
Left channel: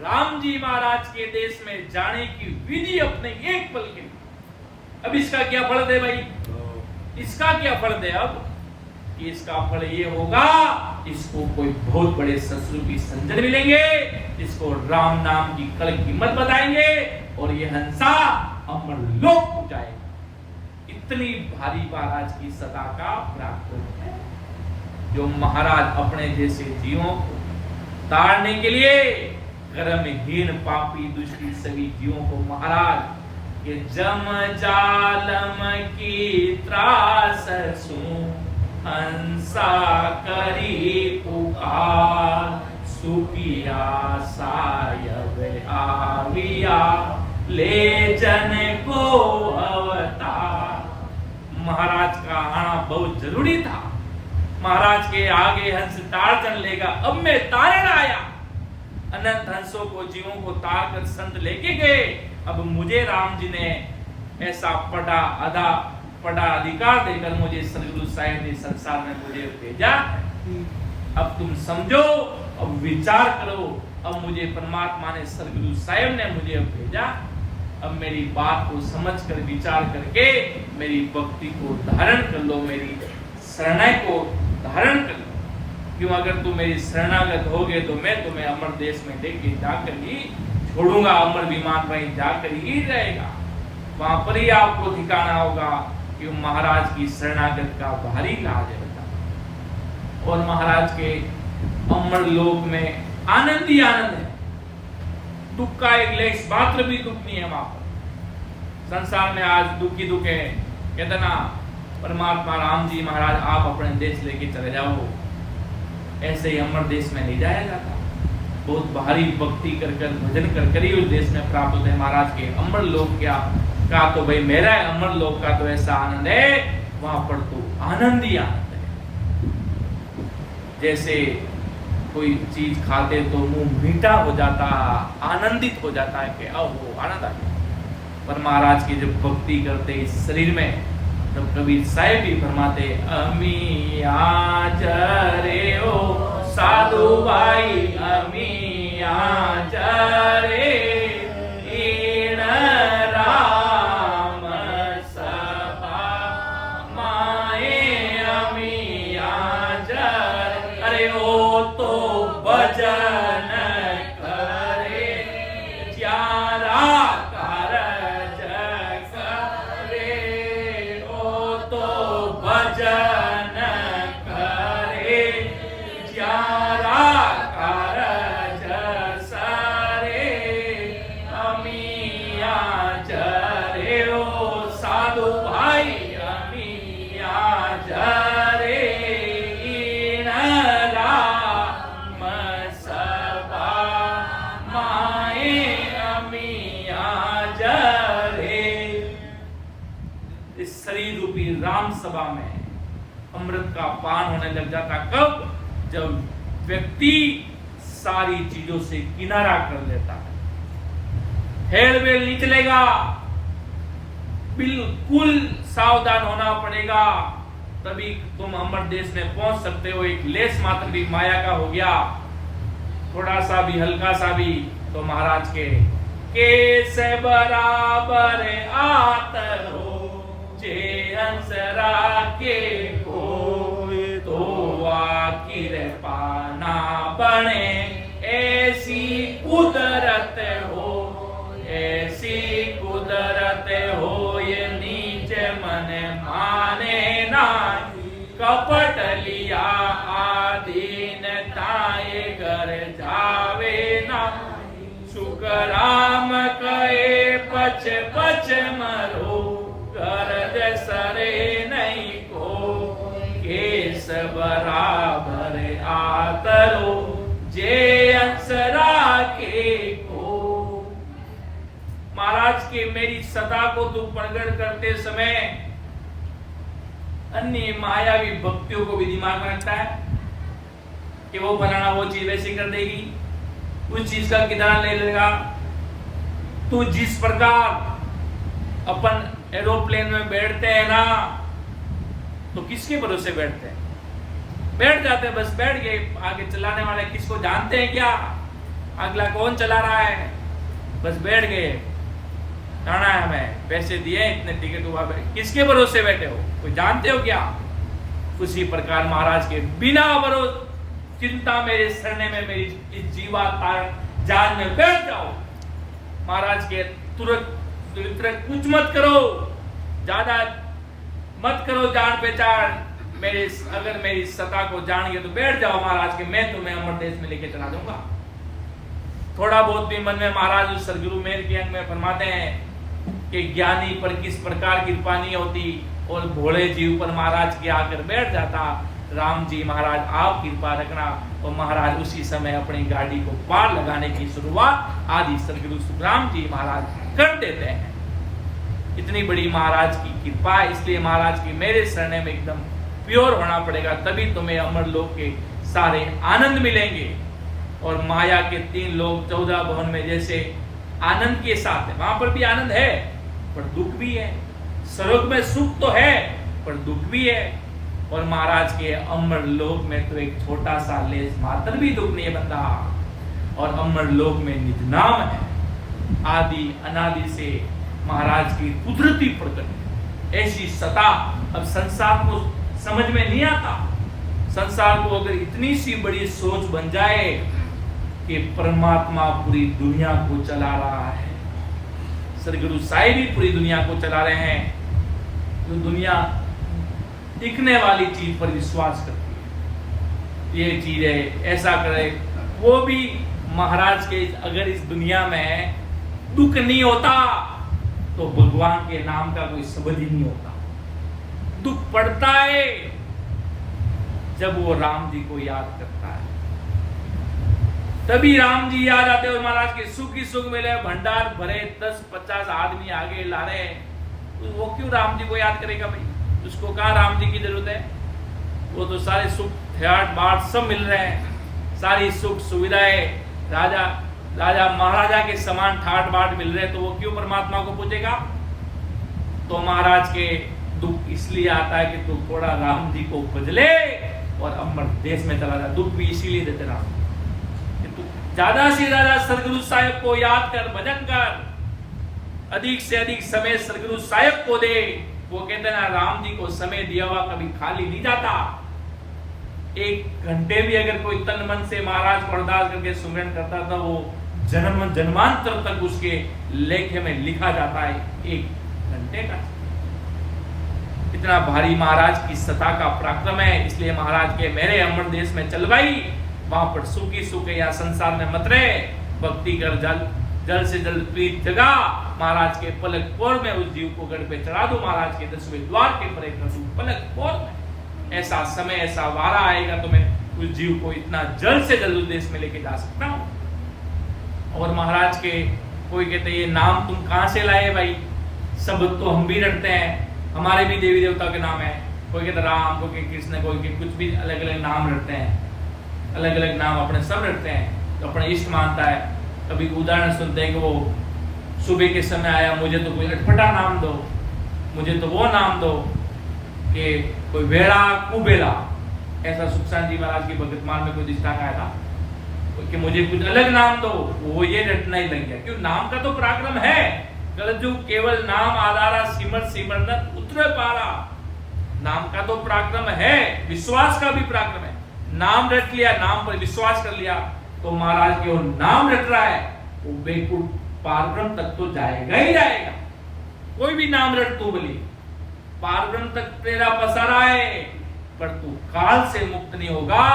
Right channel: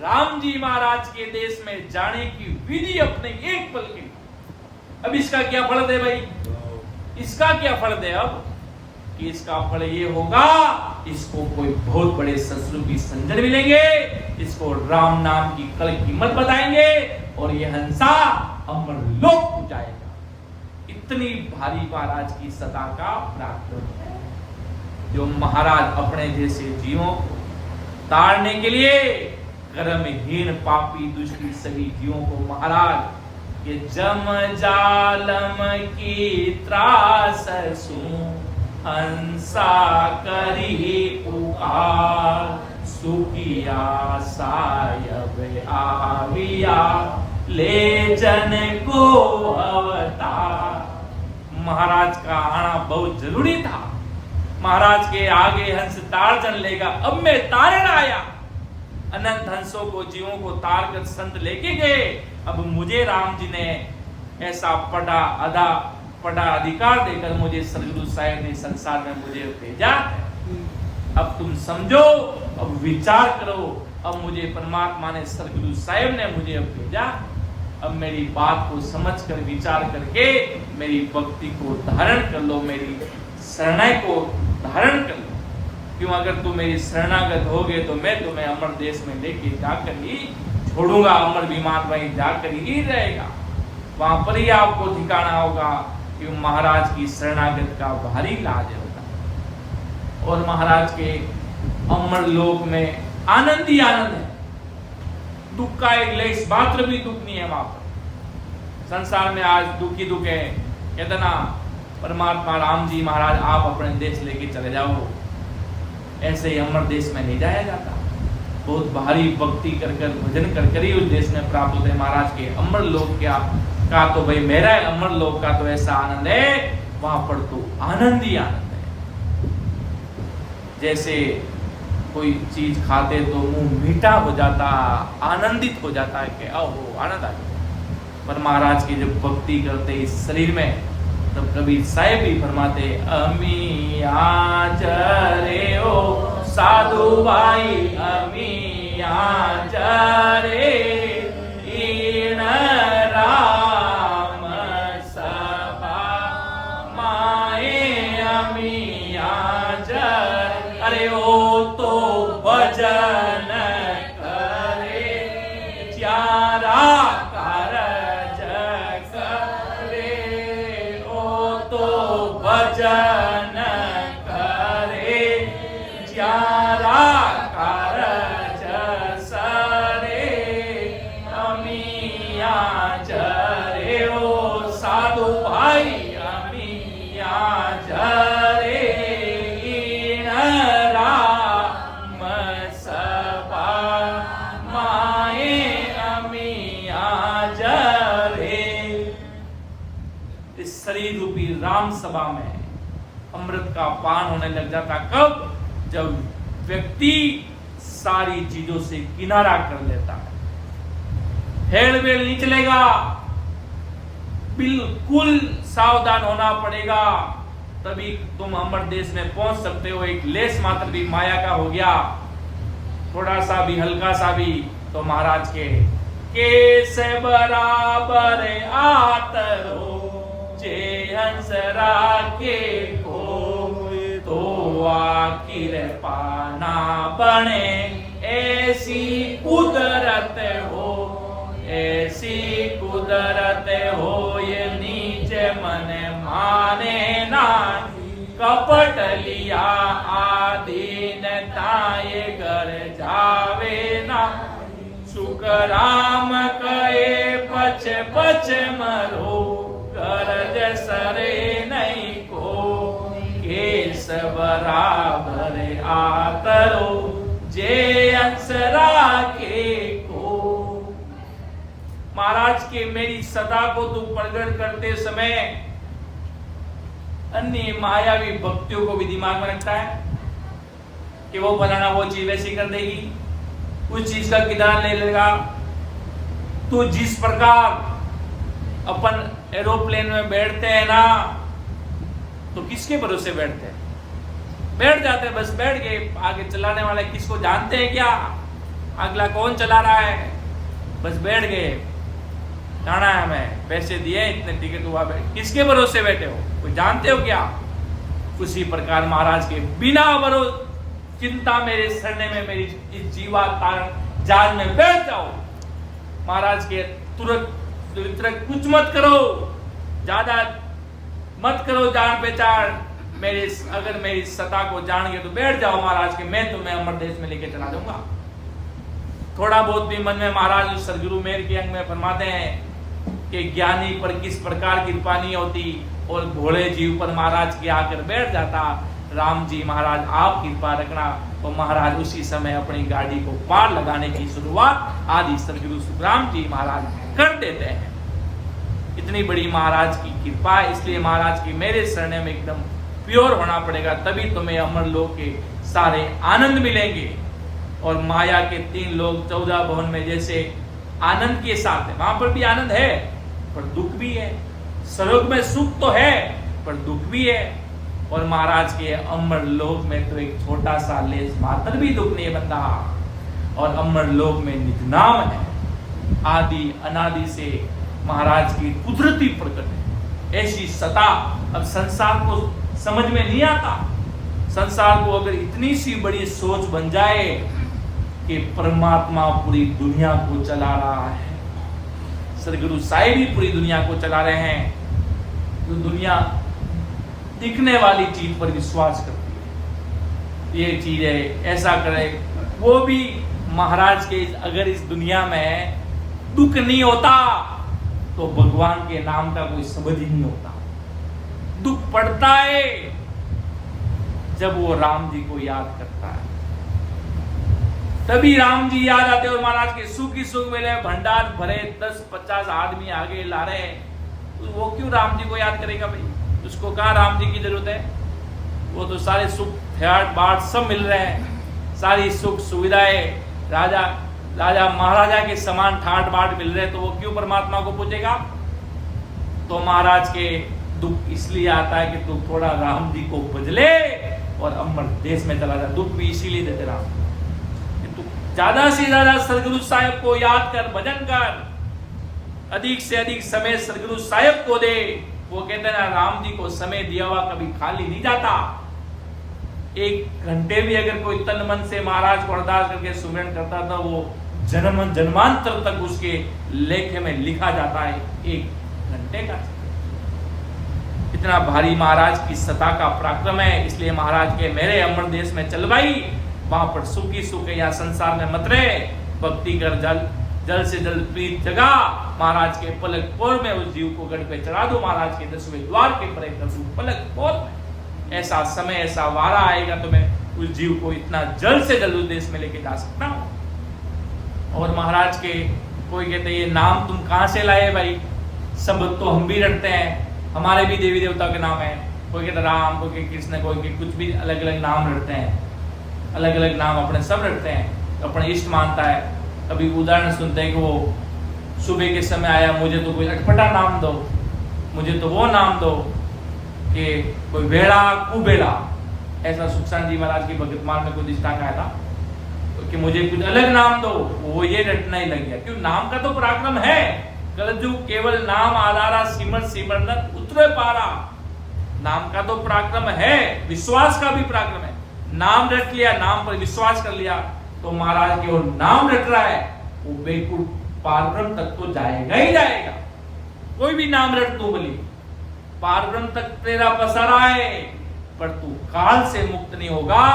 राम जी महाराज के देश में जाने की विधि अपने एक पल के। अब इसका क्या फल है भाई, इसका क्या फल है अब कि इसका फल ये होगा, इसको कोई बहुत बड़े संस्कृत की संजन मिलेंगे, इसको राम नाम की कल कीमत बताएंगे और ये हंसा अमर लोक हो जाएगा। इतनी भारी महाराज की सदा का पराक्रम है, जो महाराज अपने जैसे जीवों को तारने के लिए कर्महीन पापी दूसरी सभी जीवों को महाराज ये जम जालम की त्रास सू हंसा करी पुकार सुखिया सायब आविया ले जन को अवतार। महाराज का आना बहुत जरूरी था, महाराज के आगे हंस तार जन लेगा, अब मैं तारण आया। अनंत हंसों को जीवों को तार कर संत लेके गए, अब मुझे राम जी ने ऐसा पड़ा अधिकार देकर मुझे सदगुरु साहेब ने संसार में मुझे भेजा है। अब तुम समझो, अब विचार करो, अब मुझे परमात्मा ने सदगुरु साहेब ने मुझे अब भेजा, अब मेरी बात को समझकर विचार करके मेरी भक्ति को धारण कर लो, मेरी शरणाई को धारण कर लो। क्यों, अगर तुम मेरी शरणागत होगे तो मैं तुम्हें अमर देश में लेके जाकर ही छोड़ूंगा, अमर विमान वहीं जाकर ही रहेगा, वहां पर ही आपको ठिकाना होगा। क्यों, महाराज की शरणागत का भारी लाज रहता और महाराज के अमर लोक में आनंद ही आनंद है, दुख का एक लेस मात्र भी दुख नहीं है वहां पर। संसार में आज दुख ही दुख है, कहते ना परमात्मा राम जी महाराज आप अपने देश लेके चले जाओ, ऐसे ही अमर देश में नहीं जाया जाता। बहुत भारी भक्ति कर भजन कर ही उस देश में प्राप्त होते हैं। महाराज के अमर लोक क्या का तो भाई मेरा अमर लोक का तो ऐसा आनंद है, वहां पर तो आनंद ही आनंद है। जैसे कोई चीज खाते तो मुंह मीठा हो जाता, आनंदित हो जाता है कि ओहो आनंद आ गया। पर महाराज की जब भक्ति करते इस शरीर में, तब कबीर साहेब भी फरमाते अमी आचरे ओ साधु भाई अमी आचरे इन राम सभा माए अमी आचरे। अरे ओ तो भजन करे चारा भजन करे ज्यादा कारज सरे अमिया जरे ओ साधु भाई अमिया जरे इन राम सभा माए अमिया जरे। इस शरीर रूपी राम सभा में अमृत का पान होने लग जाता कब, जब व्यक्ति सारी चीजों से किनारा कर लेता है, हेल वेल नहीं चलेगा, बिल्कुल सावधान होना पड़ेगा, तभी तुम अमर देश में पहुंच सकते हो। एक लेस मात्र भी माया का हो गया, थोड़ा सा भी हल्का सा भी, तो महाराज के से बराबर आतरो जे हंस राखे को तो आखिर पाना बने, ऐसी कुदरत हो, ऐसी कुदरत हो, ये नीचे मन माने ना, कपट लिया आदीन ताये घर जावे ना, सुख राम कहे पच पच मरो, गरज सरे नहीं को, केस बराबर आतरो जे अंसरा के को। महाराज के मेरी सदा को तू प्रकट करते समय अन्य मायावी भक्तियों को भी दिमाग में रखता है कि वो फलाना वो चीज वैसी कर देगी, उस चीज का किराया ले लेगा। तो जिस प्रकार अपन एरोप्लेन में बैठते हैं ना, तो किसके भरोसे बैठते हैं? बैठ जाते हैं, बस बैठ गए। आगे चलाने वाले किसको जानते हैं क्या? अगला कौन चला रहा है? बस बैठ गए, जाना है हमें, पैसे दिए, इतने टिकट हुआ, किसके भरोसे बैठे हो? कोई जानते हो क्या? उसी प्रकार महाराज के बिना भरोसे चिंता मेरे सरने में मेरी इस जीवा कारण जाल में बैठ जाओ। महाराज के तुरंत कुछ मत करो, ज्यादा मत करो जान पहचान, मेरे अगर मेरी सत्ता को जान गए तो बैठ जाओ महाराज के, मैं तुम्हें अमर देश में लेके चला दूंगा। थोड़ा बहुत भी मन में महाराज सदगुरु मेर के अंग में फरमाते हैं कि ज्ञानी पर किस प्रकार कृपा नहीं होती और भोले जीव पर महाराज के आकर बैठ जाता। राम जी महाराज आप कृपा रखना। तो महाराज उसी समय अपनी गाड़ी को पार लगाने की शुरुआत आदि सदगुरु सुखराम जी महाराज कर देते हैं। इतनी बड़ी महाराज की कृपा है, इसलिए महाराज की मेरे शरण में एकदम प्योर होना पड़ेगा, तभी तुम्हें अमर लोक के सारे आनंद मिलेंगे। और माया के 3 लोग 14 भवन में जैसे आनंद के साथ है, वहां पर भी आनंद है पर दुख भी है। स्वर्ग में सुख तो है पर दुख भी है। और महाराज के अमर लोक में तो एक छोटा सा लेस मात्र भी दुख नहीं बनता। और अमर लोक में निज नाम है, आदि अनादि से महाराज की कुदरती प्रकट ऐसी सत्ता। अब संसार को समझ में नहीं आता। संसार को अगर इतनी सी बड़ी सोच बन जाए कि परमात्मा पूरी दुनिया को चला रहा है, सदगुरु साहिब भी पूरी दुनिया को चला रहे हैं, तो दुनिया दिखने वाली चीज पर विश्वास करती है। ये चीज है, ऐसा करे। वो भी महाराज के अगर इस दुनिया में दुख नहीं होता तो भगवान के नाम का कोई शब्द ही नहीं होता। दुख पड़ता है जब वो राम जी को याद करता है, तभी राम जी याद आते और महाराज के सुख ही सुख मिले, भंडार भरे, 10-50 आदमी आगे ला रहे हैं, वो क्यों राम जी को याद करेगा भाई? उसको कहा राम जी की जरूरत है? वो तो सारे सुख ठाट बाट सब मिल रहे हैं, सारी सुख सुविधाएं राजा महाराजा के समान ठाट बाट मिल रहे हैं, तो वो क्यों परमात्मा को पूजेगा? तो महाराज के दुख इसलिए आता है कि तू थोड़ा राम जी को भजले और अमर देश में चला जा। दुख भी इसीलिए देते राम कि तू ज्यादा से ज्यादा सदगुरु साहिब को याद कर, भजन कर, अधिक से अधिक समय सदगुरु साहिब को दे। वो कहते हैं ना, राम जी को समय दिया हुआ कभी खाली नहीं जाता। 1 घंटे भी अगर कोई तन मन से महाराज को अरदास करके सुमिरन करता था, वो जन्म जन्मांतर तक उसके लेखे में लिखा जाता है 1 घंटे का। इतना भारी महाराज की सत्ता का पराक्रम है। इसलिए महाराज के मेरे अमर देश में चल भाई, वहां पर सुख ही सुख है, या संसार में मत रहे, भक्ति कर, जल से जल प्रीत जगा। महाराज के पलक पोर में उस जीव को गढ़ पे चढ़ा दो, महाराज के 10वें द्वार के परे कर दूं पलक पोर में। ऐसा समय, ऐसा वारा आएगा तो मैं उस जीव को इतना जल्द से जल्द उस देश में लेके जा सकता हूं। और महाराज के कोई कहते ये नाम तुम कहां से लाए भाई? शब्द तो हम भी रटते हैं, हमारे भी देवी देवता के नाम है। कोई कहता राम, कोई कहता कृष्ण, कोई कहता कुछ भी अलग अलग नाम रटते हैं, अलग अलग नाम अपने सब रटते हैं, तो अपने इष्ट मानता है। कभी उदाहरण सुनते हैं कि वो सुबह के समय आया, मुझे तो कोई अटपटा नाम दो, मुझे तो वो नाम दो कि कोई वेड़ा कुबेला। ऐसा सुखसान जी महाराज की भगतमाल में कोई दृष्टांत आया था कि मुझे कुछ अलग नाम दो, वो ये रटना ही लग गया। क्यों? नाम का तो पराक्रम है। कलजुग केवल नाम आधारा, सिमर सिमरन उतरे पारा। नाम का तो पराक्रम है, विश्वास का भी पराक्रम है। नाम रट लिया, नाम पर विश्वास कर लिया, तो महाराज के वो नाम रट रहा है, वो बेकुट पारब्रह्म तक तो जाएगा ही जाएगा। कोई भी नाम रट तू बोली, पारब्रह्म तक तेरा पसारा है, पर तू काल से मुक्त नहीं होगा,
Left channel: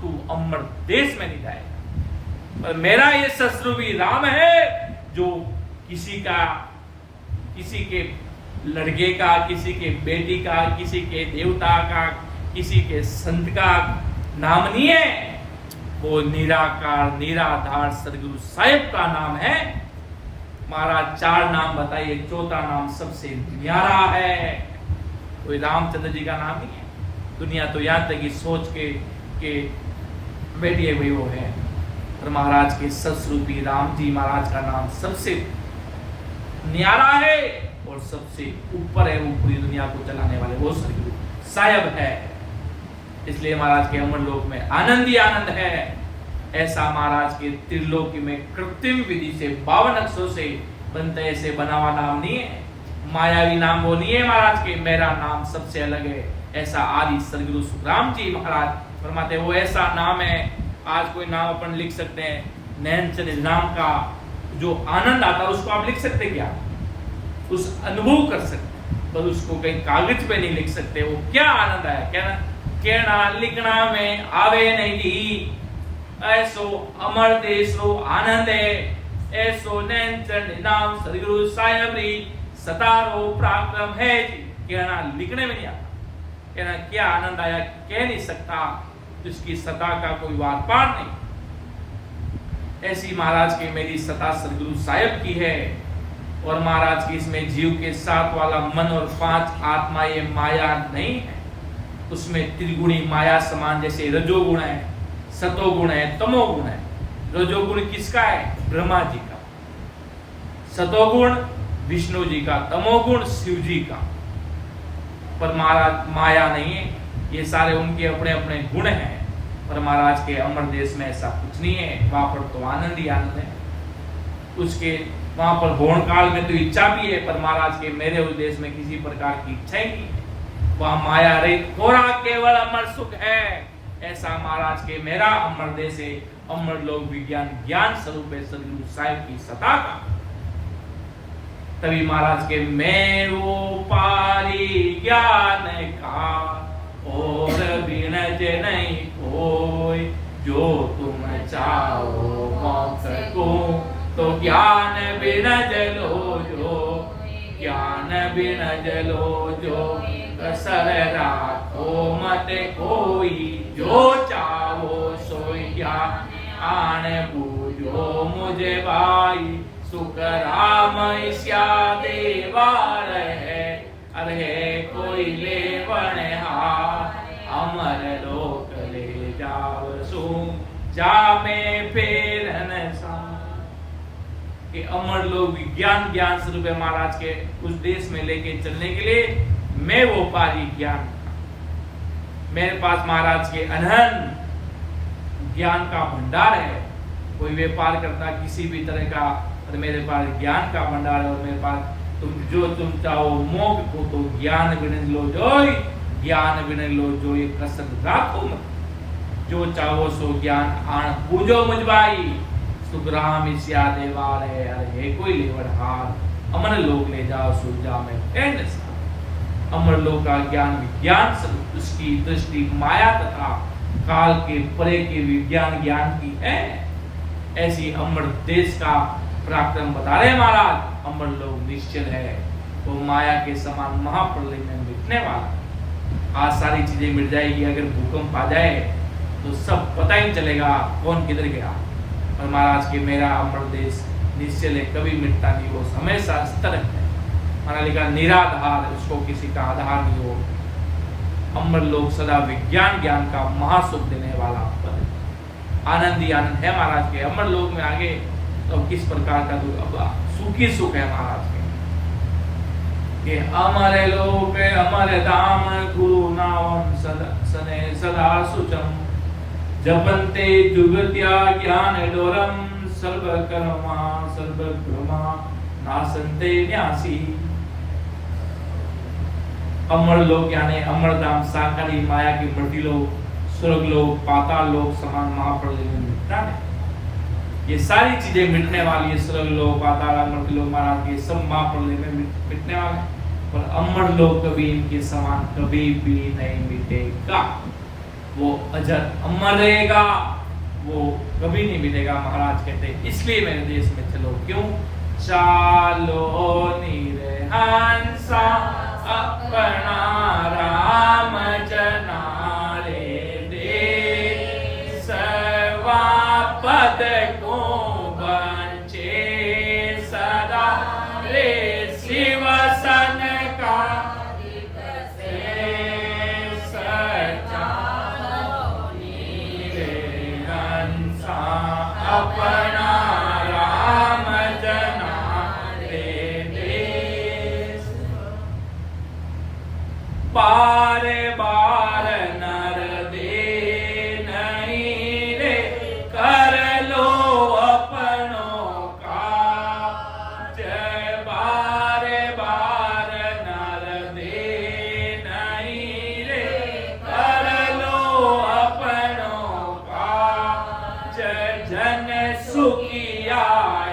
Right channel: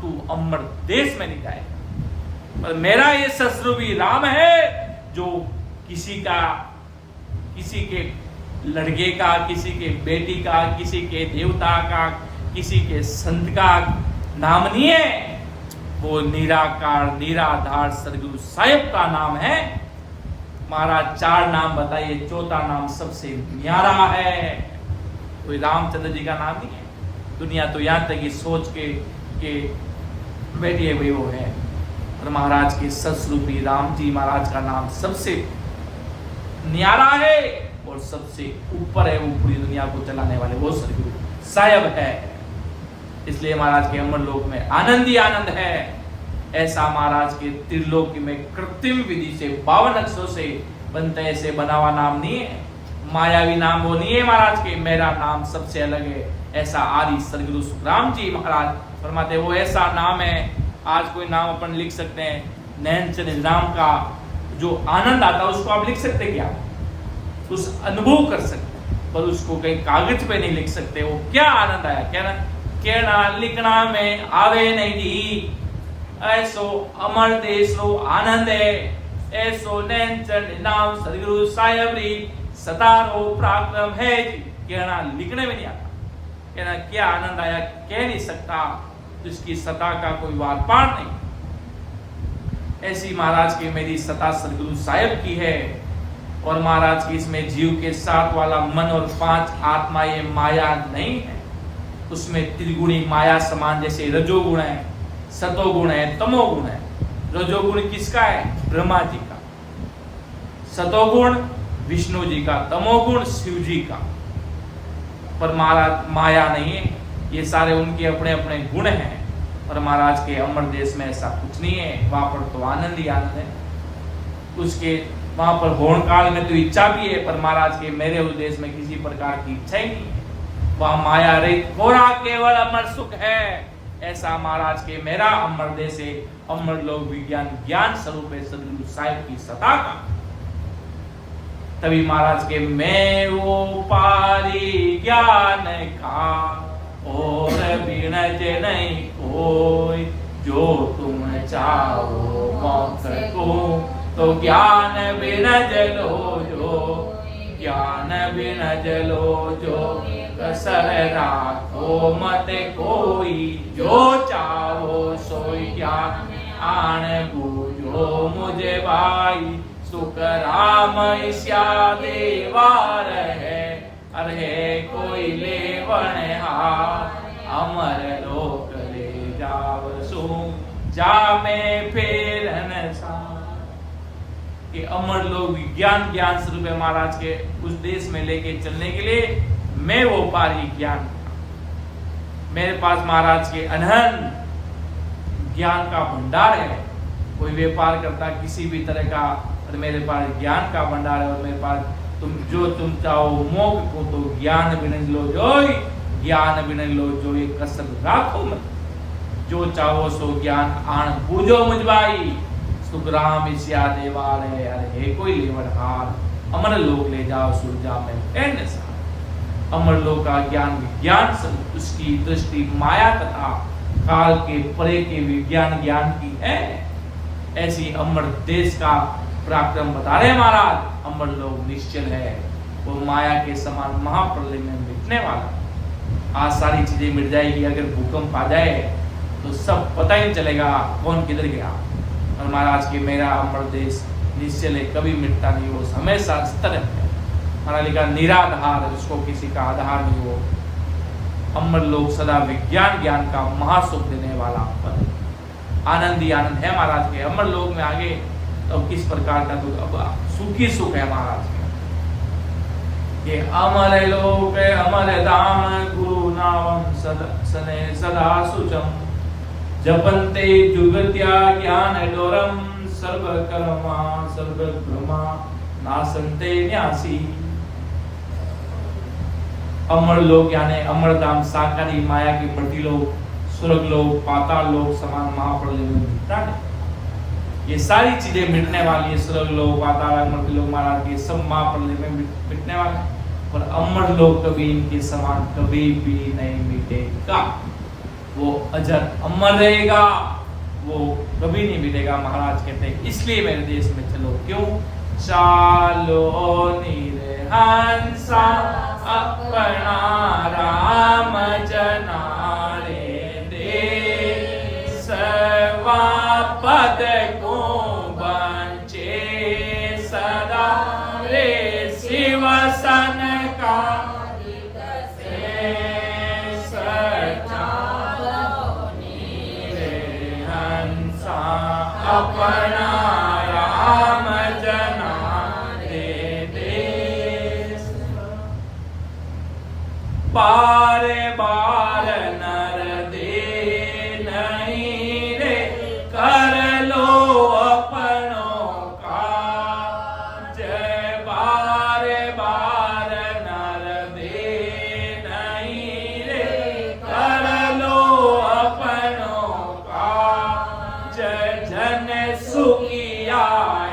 तू अमर देश में नहीं जाएगा। पर मेरा ये शत्रु भी राम है, जो किसी के लड़के का, किसी के बेटी का, किसी के देवता का, किसी के संत का नाम नहीं है। वो निराकार निराधार सदगुरु साहिब का नाम है। महाराज 4 नाम बताइए, चौथा नाम सबसे न्यारा है। कोई रामचंद्र जी का नाम नहीं है। दुनिया तो यहाँ तक कि सोच के बैठिए हुए वो है। और महाराज के सत्स्वरूपी राम जी महाराज का नाम सबसे न्यारा है और सबसे ऊपर है। वो पूरी दुनिया को चलाने वाले वो सदगुरु साहब है। इसलिए महाराज के अमर लोक में आनंद ही आनंद है। ऐसा महाराज के त्रिलोकी में कृत्रिम विधि से 52 अक्षरों से बनता ऐसे बना हुआ नाम नहीं है। मायावी नाम वो नहीं है महाराज के। मेरा नाम सबसे अलग है। ऐसा आदि सदगुरु सुखराम जी महाराज फरमाते वो ऐसा नाम है। आज कोई नाम अपन लिख सकते हैं, नैनचंद नाम का जो आनंद आता है उसको आप लिख सकते क्या? उस अनुभव कर सकते हैं, पर उसको कहीं कागज पे नहीं लिख सकते। वो क्या आनंद आया, कहना लिखना में आवे नहीं जी। ऐसो अमर देश रो आनंद है। ऐसो नैनचंद नाम सदगुरु साहिब री सतारो पराक्रम है जी। कहना लिखने में नहीं आता। कहना क्या आनंद आया कह नहीं सकता, जिसकी सता का कोई वार पार नहीं। ऐसी महाराज की मेरी सता सदगुरु साहिब की है। और महाराज की इसमें जीव के साथ वाला मन और 5 आत्मा ये माया नहीं है। उसमें त्रिगुणी माया समान, जैसे रजोगुण है, सतोगुण है, तमोगुण है। रजोगुण किसका है? ब्रह्मा जी का। सतोगुण विष्णु जी का, तमोगुण शिव जी का। पर महाराज माया नहीं है, ये सारे उनके अपने अपने गुण हैं। और महाराज के अमर देश में ऐसा कुछ नहीं है। वहां पर तो आनंद ही आनंद है। उसके वहां पर होण काल में तो इच्छा भी है, पर महाराज के मेरे उद्देश्य में किसी प्रकार की इच्छा ही नहीं है। वहां माया रे कोरा केवल अमर सुख है। ऐसा महाराज के मेरा अमर देश है। अमर लोक विज्ञान ज्ञान स्वरूप है सदगुरु साहिब की सता का। तभी महाराज के मैं वो पारी ज्ञान का और बिनज नहीं कोई, जो तुम चाहो मोक्ष को तो ज्ञान बिनज लो जो, ज्ञान बिनज लो जो, कसर राखो मत कोई, जो चाहो सोई ज्ञान आन बूझो मुझे भाई। सुख राम ईश्या देवार है, अरे कोई लेवन हार, अमर लोक ले जाव सु, जा में फेरन सा। कि अमर लोक विज्ञान ज्ञान स्वरूप है महाराज के उस देश में लेके चलने के लिए मैं वो पारी ज्ञान का। मेरे पास महाराज के अनहद ज्ञान का भंडार है। कोई व्यापार करता किसी भी तरह का, और मेरे पास ज्ञान का भंडार है। और मेरे पास तुम चाहो मोक्ष को तो ज्ञान बिन लो जो, ज्ञान बिन लो जो, ये कसर राखो मत, जो चाहो सो ज्ञान आन पूजो मुझबाई। सुख राम ईश्या देवाल है, अरे कोई लेवर हार, अमर लोक ले जाओ सूरजा में कहने सा। अमर लोक का ज्ञान विज्ञान स्वरूप, उसकी दृष्टि माया तथा काल के परे के विज्ञान ज्ञान की है। ऐसी अमर देश का पराक्रम बता रहे महाराज। अमर लोक निश्चल है, वो माया के समान महाप्रलय में मिटने वाला। आज सारी चीजें मिट जाएगी। अगर भूकंप आ जाए तो सब पता ही नहीं चलेगा कौन किधर गया। और महाराज के मेरा अमर देश निश्चल है, कभी मिटता नहीं। वो हमेशा स्थिर है। हमारा लिखा निराधार, उसको किसी का आधार नहीं। हो अमर लोक सदा विज्ञान ज्ञान का महासुख देने वाला पद, आनंद ही आनंद है महाराज के। अमर लोक में आगे तो किस प्रकार का दुख, अब सुखी सुख है महाराज के। ये अमर लोक अमर धाम, गुरु नाम सदा सुचम, जपन्ते जुगत्या ज्ञान डोरम, सर्व कर्मा सर्व ब्रह्मा नासन्ते न्यासी। अमर लोक यानी अमर धाम साकारी माया की बढ़ती लोक, स्वर्ग लोक, पाताल लोक समान महाप्रलय में मिटता है। ये सारी चीजें मिटने वाली है। स्वर्ग लोक, पाताल, मर्त्य लोक महाराज के सब महाप्रलय में मिटने वाले हैं। और अमर लोक कभी इनके समान कभी भी नहीं मिटेगा। वो अजर अमर रहेगा, वो कभी नहीं मिटेगा महाराज कहते हैं। इसलिए मेरे देश में चलो, क्यों? चालो निरहंसा अपना राम जनारे दे, सर्वा पद को बंचे सदा रे शिव सन का सा अपना राम जना रे देश। बारे बार नर दे नहीं रे, कर लो अपनों का जय। बारे बार नर दे नहीं रे, कर लो अपनों का जय। जन सुखिया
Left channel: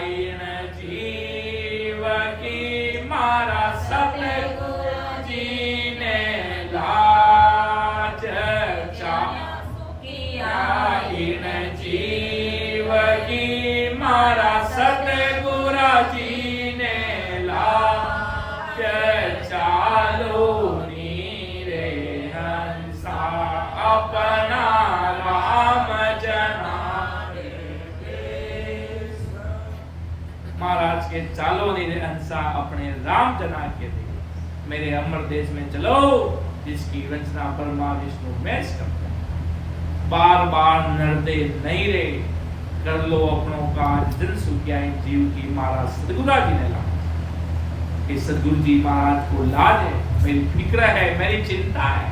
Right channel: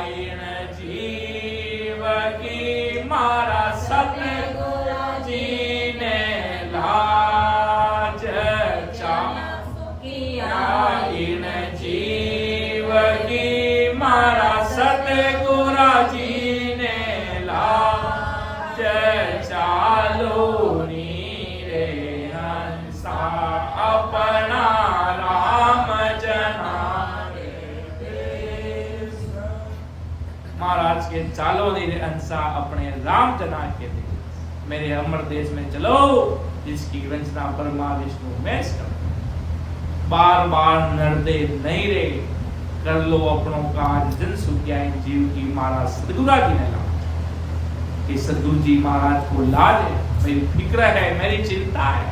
इन जीव की मारा सतगुरु जी ने लाज चा। इन जीव की मारा सतगुरु जी ने लाज चालो नीरे हंसा अपना राम जना। महाराज के चालो नीरे हंसा अपने राम जना के लिए मेरे अमर देश में चलो, जिसकी रचना ब्रह्मा विष्णु महेश करते हैं। बार बार नरदे नहीं रे, कर लो अपनों का जन सुखिया इन जीव की महाराज सदगुरु जी ने लाज। कि सदगुरु जी महाराज को लाज है, मेरी फिक्र है, मेरी चिंता है।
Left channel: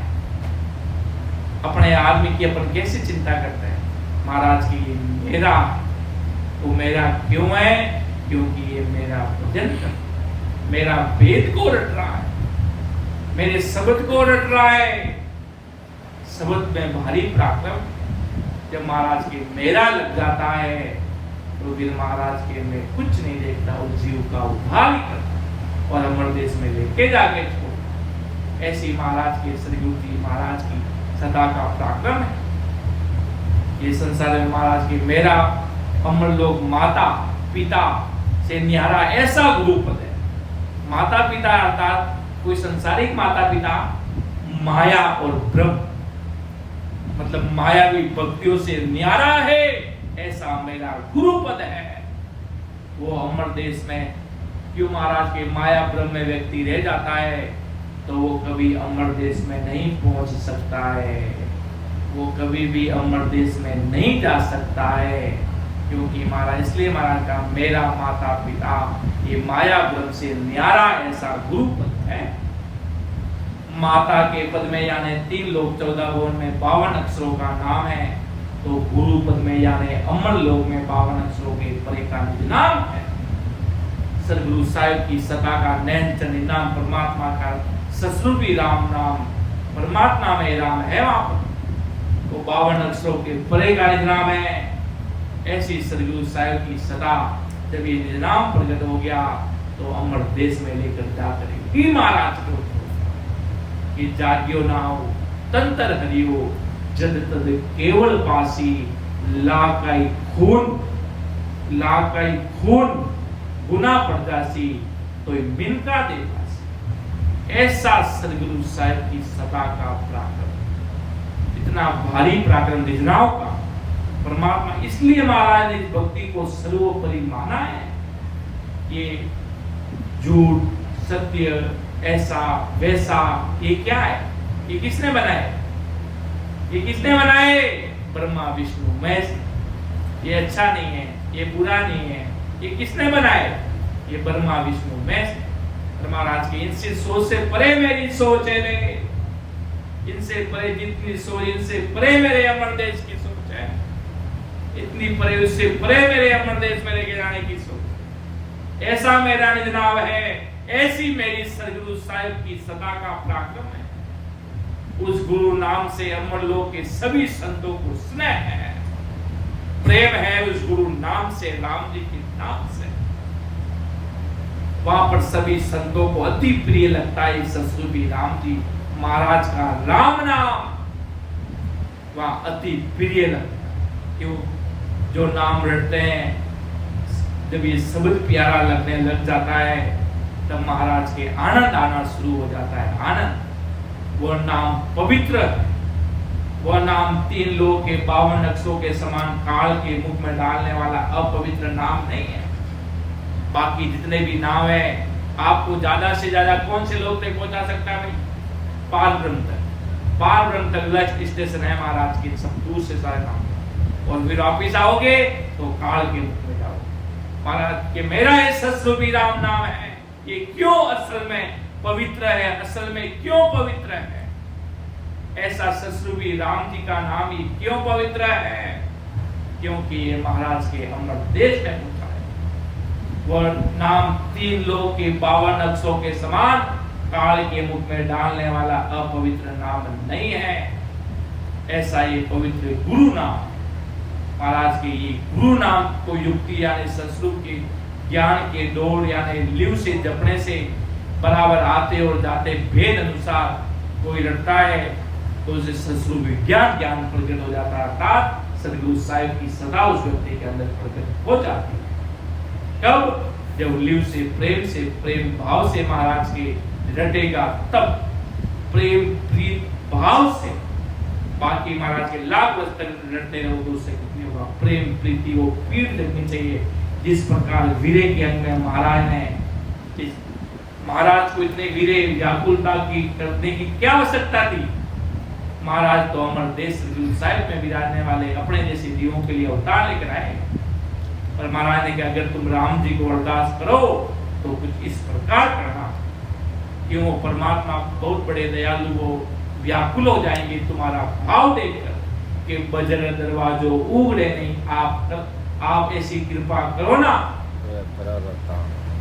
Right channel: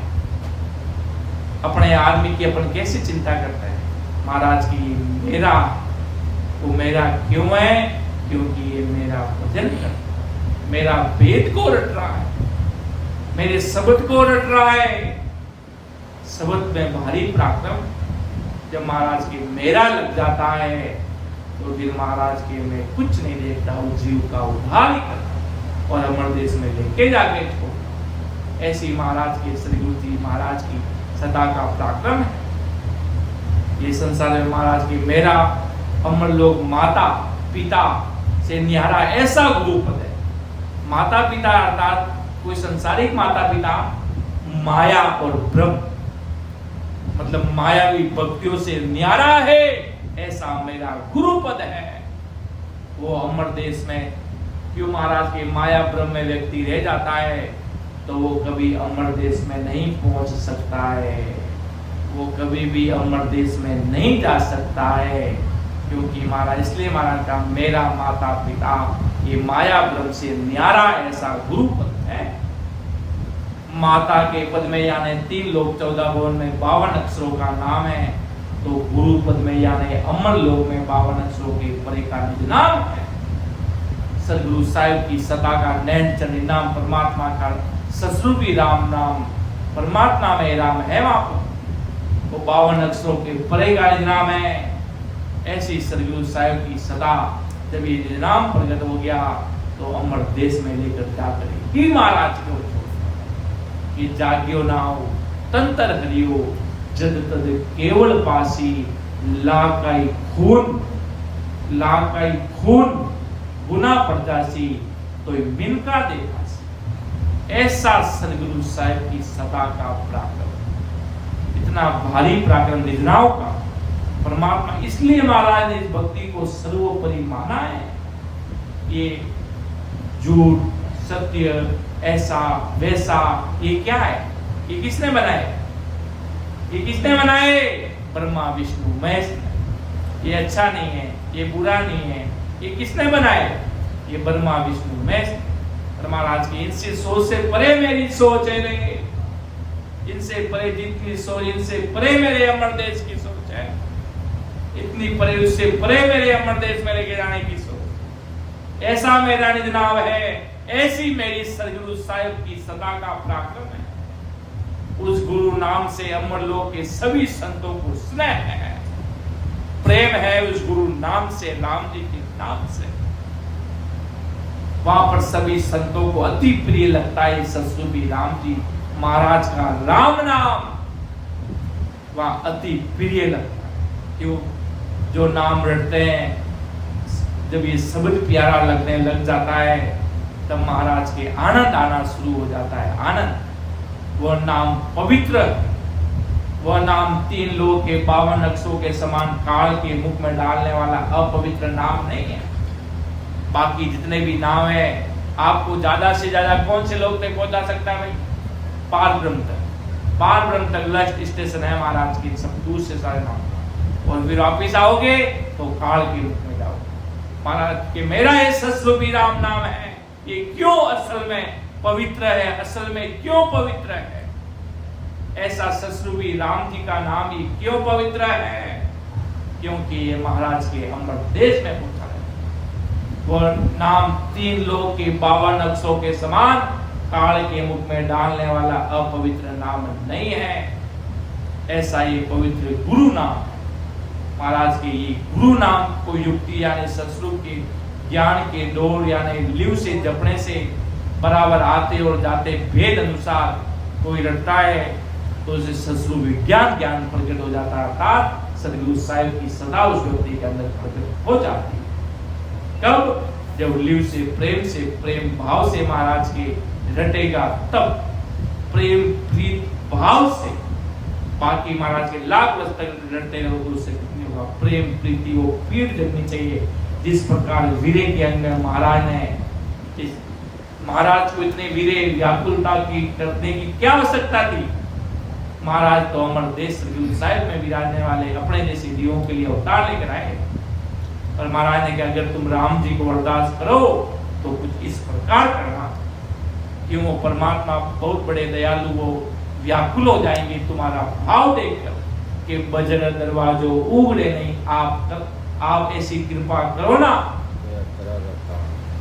अपने आदमी की अपन कैसे चिंता करते हैं महाराज की, मेरा तो मेरा क्यों है, क्योंकि ये मेरा भजन करता है, मेरा वेद को रट रहा है, मेरे शब्द को रट रहा है। शब्द में भारी पराक्रम जब महाराज के मेरा लग जाता है, तो फिर महाराज के मैं कुछ नहीं देखता, उस जीव का उद्धार ही करता और अमर देश में लेके जाके छोड़ता। ऐसी महाराज के सदगुरु जी महाराज की सदा का पराक्रम है। ये संसार में महाराज की मेरा अमर लोग माता पिता से न्यारा ऐसा गुरु पद है। माता पिता अर्थात कोई संसारिक माता पिता, माया और ब्रह्म मतलब मायावी भक्तियों से न्यारा है, ऐसा मेरा गुरु पद है। वो अमर देश में क्यों महाराज के माया ब्रह्म में व्यक्ति रह जाता है, तो वो कभी अमर देश में नहीं पहुंच सकता है, वो कभी भी अमर देश में नहीं जा सकता है। क्योंकि महाराज इसलिए महाराज का मेरा माता पिता ये माया ब्रह्म से न्यारा ऐसा गुरु पद है। माता के पद में यानी 3 लोक 14 भुवन में 52 अक्षरों का नाम है, तो गुरु पद में यानी अमर लोक में 52 अक्षरों के परे का निज नाम है। सदगुरु साहिब की सता का नैन चंडी नाम, परमात्मा का सस्वरूपी राम नाम, परमात्मा में राम है वहां पर, वो 52 अक्षरों के परे का निज नाम है। ऐसी सदगुरु साहिब की सता जब ये निज नाम प्रकट हो गया, तो अमर देश में लेकर जाकर ही महाराज को कि जाग्यो नाओ तंतर हरियो, जद तद केवल पासी, लाकाई खून गुना परदासी, तो मिनका दे पासी। ऐसा सदगुरु साहिब की सता का पराक्रम, इतना भारी पराक्रम निजनाओं का परमात्मा, इसलिए महाराज ने इस भक्ति को सर्वोपरि माना है। ये झूठ सत्य ऐसा वैसा ये क्या है, ये किसने बनाए, ये किसने बनाए, ब्रह्मा विष्णु महेश। ये अच्छा नहीं है, ये बुरा नहीं है, ये किसने बनाए, ये ब्रह्मा विष्णु महेश। महाराज की इनसे सोच से परे मेरी सोच है, नहीं इनसे परे जितनी सोच, इनसे परे मेरे अमर देश की सोच है, इतनी परे उससे परे मेरे अमर देश में लेके जाने की सोच। ऐसा मेरा निज नाम है, ऐसी मेरी सदगुरु साहिब की सदा का पराक्रम है। उस गुरु नाम से अमर लोक के सभी संतों को स्नेह है, प्रेम है उस गुरु नाम से, राम जी के नाम से। वहां पर सभी संतों को अति प्रिय लगता है सस्वरूपी राम जी महाराज का राम नाम, वहां अति प्रिय लगता है। क्यों, जो नाम रटते हैं, जब ये शब्द प्यारा लगने लग जाता है, तब महाराज के आनंद आना शुरू हो जाता है। आनंद, वह नाम पवित्र, वह नाम 3 लोक के 52 अक्षरों के समान काल के मुख में डालने वाला अपवित्र नाम नहीं है। बाकी जितने भी नाम है, आपको ज्यादा से ज्यादा कौन से लोग तक पहुंचा सकता है भाई, पार ब्रह्म तक। पार ब्रह्म तक लास्ट स्टेशन है महाराज की, सब दूर से सारे नाम। और फिर वापिस आओगे तो काल के रूप में जाओगे। महाराज के मेरा ये सस्वरूपी राम नाम है, ये क्यों असल में पवित्र है, असल में क्यों पवित्र है? ऐसा सस्वरूपी राम जी का नाम ही क्यों पवित्र है? क्योंकि ये महाराज के अमर देश में पहुंचा है। वह नाम 3 लोग के 52 अक्षरों के समान काल के मुख में डालने वाला अपवित्र नाम नहीं है। ऐसा ये पवित्र गुरु नाम, महाराज के ये गुरु नाम को युक्ति यानी सस्वरूप के ज्ञान के डोर यानी लिव से जपने से बराबर आते और जाते भेद अनुसार कोई रटता है तो उसे सस्वरूप विज्ञान ज्ञान प्रकट हो जाता है, अर्थात सदगुरु साहिब की सदा उस व्यक्ति के अंदर प्रकट हो जाती है। कब? जब लिव से प्रेम भाव से महाराज के रटेगा, तब प्रेम प्रीत भाव से। बाकी महाराज के लाख वर्ष तक रटते रहोगे उससे कुछ नहीं होगा। प्रेम प्रीति वो पीठ लगनी चाहिए। जिस प्रकार वीरे के अंदर महाराज ने, महाराज को इतने वीरे व्याकुलता की करने की क्या आवश्यकता थी? महाराज तो अमर देश सदगुरु साहिब में विराजने वाले अपने जैसे जीवों के लिए अवतार लेकर आए। और महाराज ने कहा अगर तुम राम जी को अरदास करो तो कुछ इस प्रकार करना, क्यों परमात्मा बहुत बड़े दयालु हो, व्याकुल हो जाएंगे तुम्हारा भाव देखकर कि बजर दरवाजो उगड़े नहीं, आप ऐसी कृपा करो ना।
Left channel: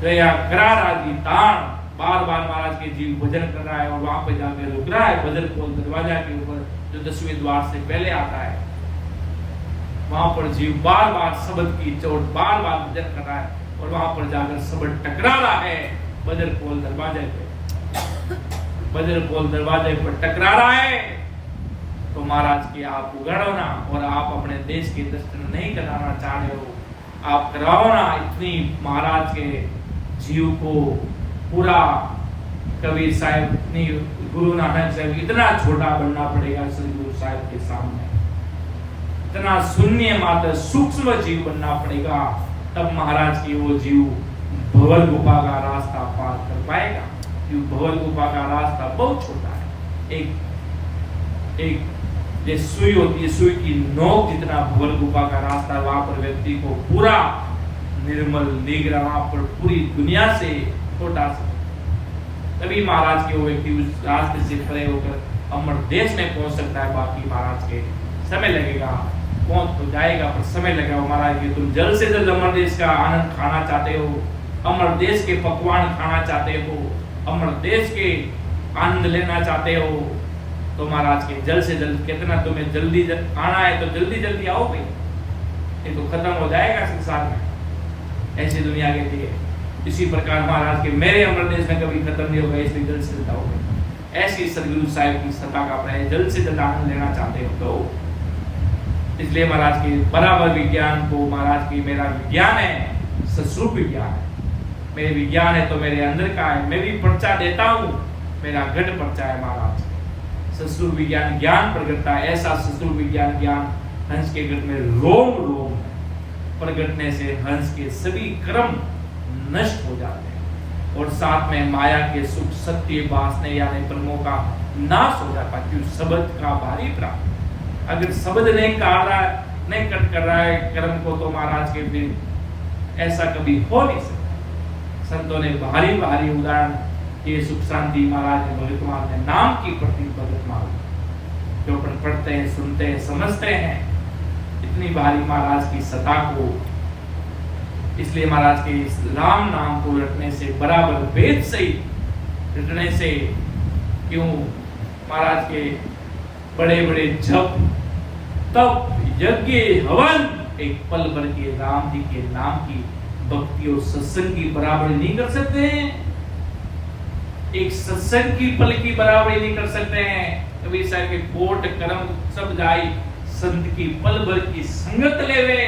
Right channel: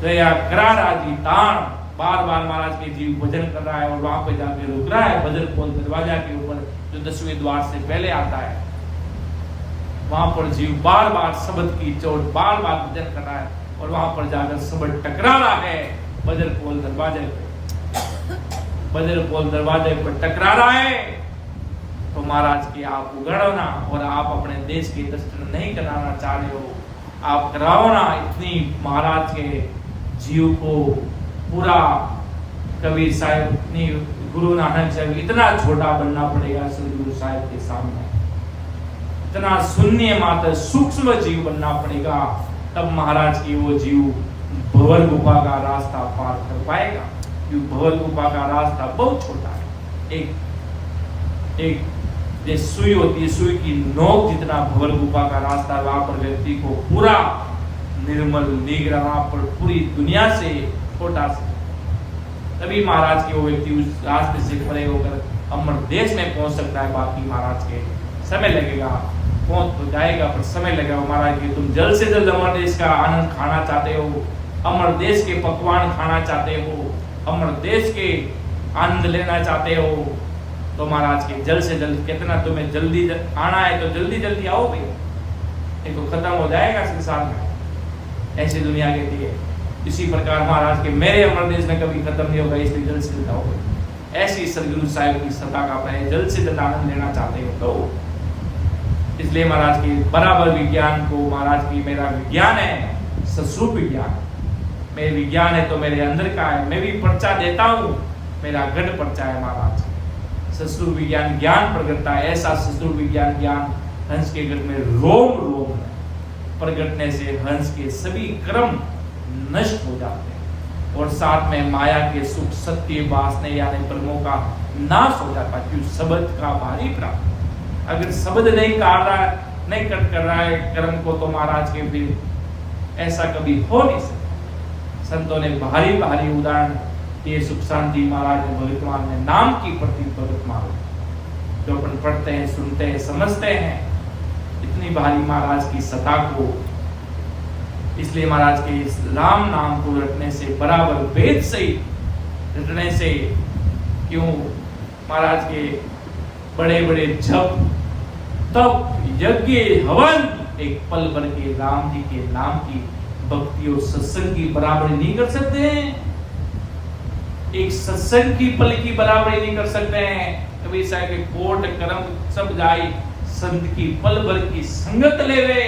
दया करारा गीतान, बार बार महाराज के जीव भजन कर रहा है और वहां पे जाके रुक रहा है बजर पोल दरवाजा के ऊपर जो 10वें द्वार से पहले आता है। वहां पर जीव बार बार शब्द की चोट बार बार भजन कर रहा है और वहां पर जाकर शब्द टकरा रहा है बजर पोल दरवाजे पे। बजर पोल दरवाजे पर टकरा रहा है तो महाराज की आप उगड़ो ना, और आप अपने देश के दर्शन नहीं कराना चाह रहे हो, आप कराओ ना। इतनी महाराज के जीव को पूरा कबीर साहिब, इतनी गुरु नानक साहिब, इतना छोटा बनना पड़ेगा सदगुरु साहिब के सामने, इतना शून्य मात्र सूक्ष्म जीव बनना पड़ेगा, तब महाराज की वो जीव भंवर गुफा का रास्ता पार कर पाएगा। क्योंकि भंवर गुफा का रास्ता बहुत छोटा है। एक जैसे सुई होती है, सुई की नोक जितना भंवर गुफा का रास्ता, वहां पर व्यक्ति को पूरा निर्मल निग्रह, वहां पर पूरी दुनिया से छोटा से, तभी महाराज के वो व्यक्ति उस रास्ते से परे होकर अमर देश में पहुंच सकता है। बाकी महाराज के समय लगेगा, पहुंच तो जाएगा पर समय लगेगा। महाराज की तुम जल्द से जल्द अमर देश का आनंद खाना चाहते हो, अमर देश के पकवान खाना चाहते हो, अमर देश के आनंद लेना चाहते हो, तो महाराज के जल्द से जल्द, कितना तुम्हें जल्दी आना है तो जल्दी जल्दी आओ भाई, ये तो खत्म हो जाएगा संसार में। ऐसी दुनिया कहती है। इसी प्रकार महाराज के मेरे अमर देश में कभी खत्म नहीं होगा, इसलिए जल्द से जल्द आओ भाई। ऐसी सदगुरु साहिब की सत्ता का पहले जल्द से जल्द आनंद लेना चाहते हो तो इसलिए महाराज के बराबर विज्ञान को, महाराज की मेरा विज्ञान है, सस्वरूप विज्ञान है। मेरे विज्ञान है तो मेरे अंदर का है, मैं भी पर्चा देता हूँ, मेरा गढ़ पर्चा है महाराज। सस्वरूप विज्ञान ज्ञान प्रगटता है, ऐसा सस्वरूप विज्ञान ज्ञान हंस के गढ़ में रोम रोम है। प्रगटने से हंस के सभी कर्म नष्ट हो जाते हैं और साथ में माया के सुख, सत्य, वासने यानी कर्मों का नाश हो जाता है। क्योंकि शब्द का भारी प्राप्त, अगर शब्द नहीं कर रहा है, नहीं कट कर रहा है कर्म को, तो महाराज के फिर ऐसा कभी हो नहीं सकता। संतों ने भारी भारी उदाहरण ये सुख शांति महाराज ने, भगतमान ने नाम की प्रति भगतमान जो अपन पढ़ते हैं, सुनते हैं, समझते हैं, इतनी भारी महाराज की सत्ता को। इसलिए महाराज के इस राम नाम को रटने से, बराबर वेद से रटने से, क्यों महाराज के बड़े बड़े जप तप यज्ञ हवन एक पल भर के राम जी के नाम की भक्ति और सत्संग की बराबरी नहीं कर सकते हैं। एक सत्संग की पल की बराबरी नहीं कर सकते हैं। कबीर साहब के कोट कर्म सब जाई, संत की पल भर की संगत लेवे।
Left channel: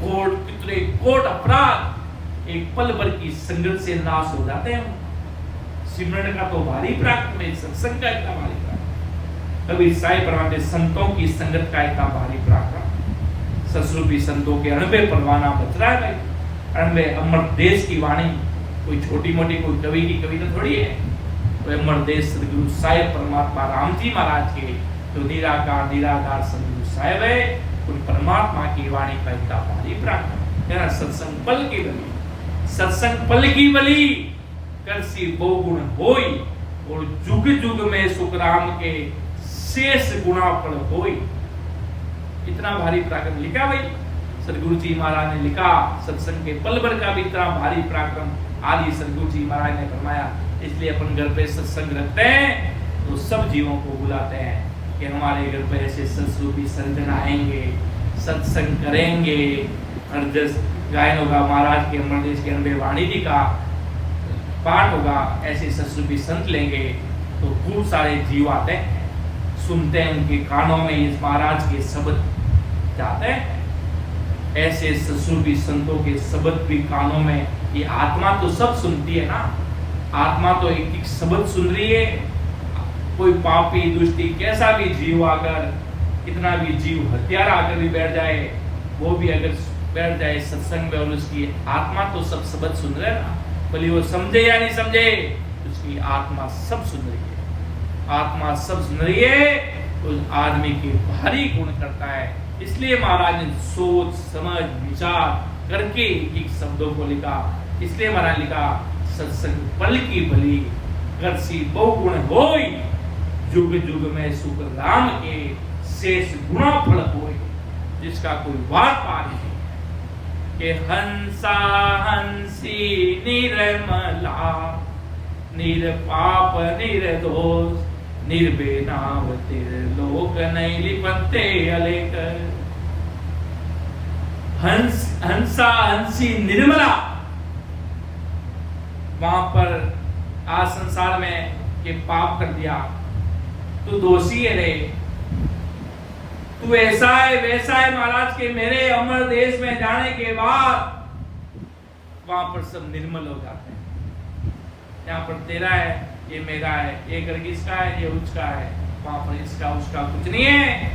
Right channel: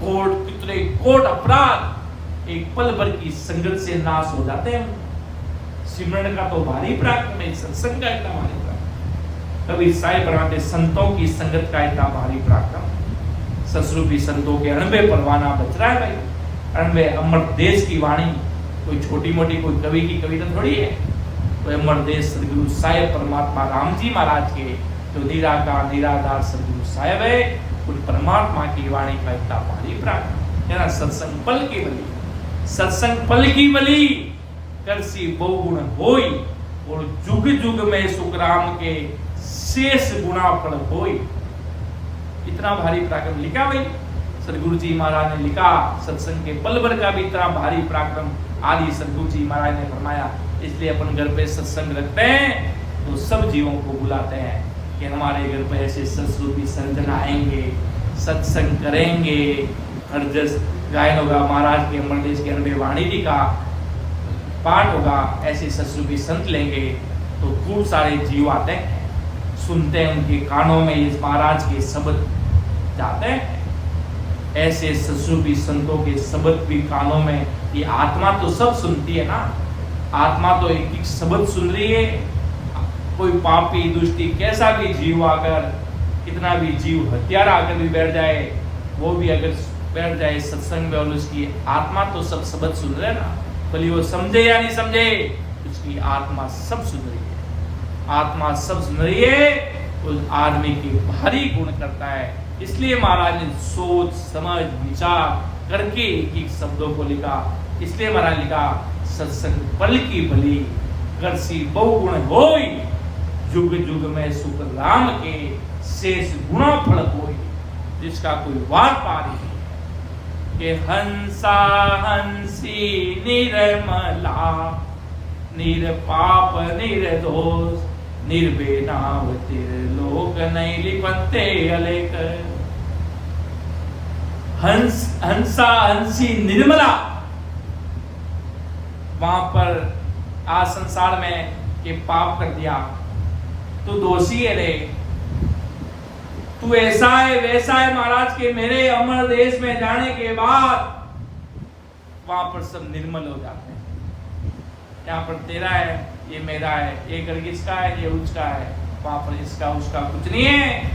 कोट कितने कोट अपराध एक पल भर की संगत से नाश हो जाते हैं। सिमरन का तो भारी पराक्रम है, सत्संग का इतना भारी पराक्रम। कबीर साहिब बनाते संतों की संगत का इतना भारी पराक्रम। ससुरूपी संतों के अणबे परवाना बच रहा है भाई। अणबे अमर देश की वाणी कोई छोटी मोटी कोई कवि की कविता थोड़ी है। कोई अमर देश सदगुरु साहिब परमात्मा राम जी महाराज के तो निराकार निराधार सदगुरु साहेब है, उन परमात्मा की वाणी का इतना भारी पराक्रम है ना। सत्संग पल की बली, सत्संग पल की बली, करसी बहुगुण होई, और जुग जुग में सुखराम के शेष गुणा फल होई। इतना भारी पराक्रम लिखा भाई सदगुरु जी महाराज ने लिखा। सत्संग के पल भर का भी इतना भारी पराक्रम आदि सदगुरु जी महाराज ने फरमाया। इसलिए अपन घर पे सत्संग रखते हैं तो सब जीवों को बुलाते हैं कि हमारे घर पे ऐसे सत्स्वरूपी संजन आएंगे, सत्संग करेंगे, हर जस गायन होगा, महाराज के अमरदेश के अनबे वाणी जी का पाठ होगा, ऐसे सत्स्वरूपी संत लेंगे तो खूब सारे जीव आते हैं, सुनते हैं, उनके कानों में इस महाराज के शब्द जाते हैं। ऐसे सत्स्वरूपी संतों के शब्द भी कानों में, ये आत्मा तो सब सुनती है ना, आत्मा तो एक एक शब्द सुन रही है। कोई पापी दुष्टी कैसा भी जीव आकर, कितना भी जीव हत्यारा आकर भी बैठ जाए, वो भी अगर बैठ जाए सत्संग में और उसकी आत्मा तो सब शब्द सुन रहे ना, भले वो समझे या नहीं समझे, उसकी आत्मा सब सुन रही है। आत्मा सब सुन रही है तो उस आदमी के भारी गुण करता है। इसलिए महाराज ने सोच समझ विचार करके एक शब्दों को लिखा। इसलिए महाराज लिखा सत्संग पल की भली, करसी बहुगुण होई, जुग जुग में सुख राम के शेष गुणा फल होई। जिसका कोई वार पार नहीं कि हंसा हंसी निर्मला, निरपाप निर्दोष, निर्बेनाव लोक नहीं लिपते अलेक। हंसा हंसी निर्मला, वहां पर आज संसार में के पाप कर दिया तू दोषी है रे, तू ऐसा है वैसा है। महाराज के मेरे अमर देश में जाने के बाद वहां पर सब निर्मल हो जाते हैं। यहाँ पर तेरा है, ये मेरा है, ये घर किसका है, ये उसका है, वहां पर इसका उसका कुछ नहीं है।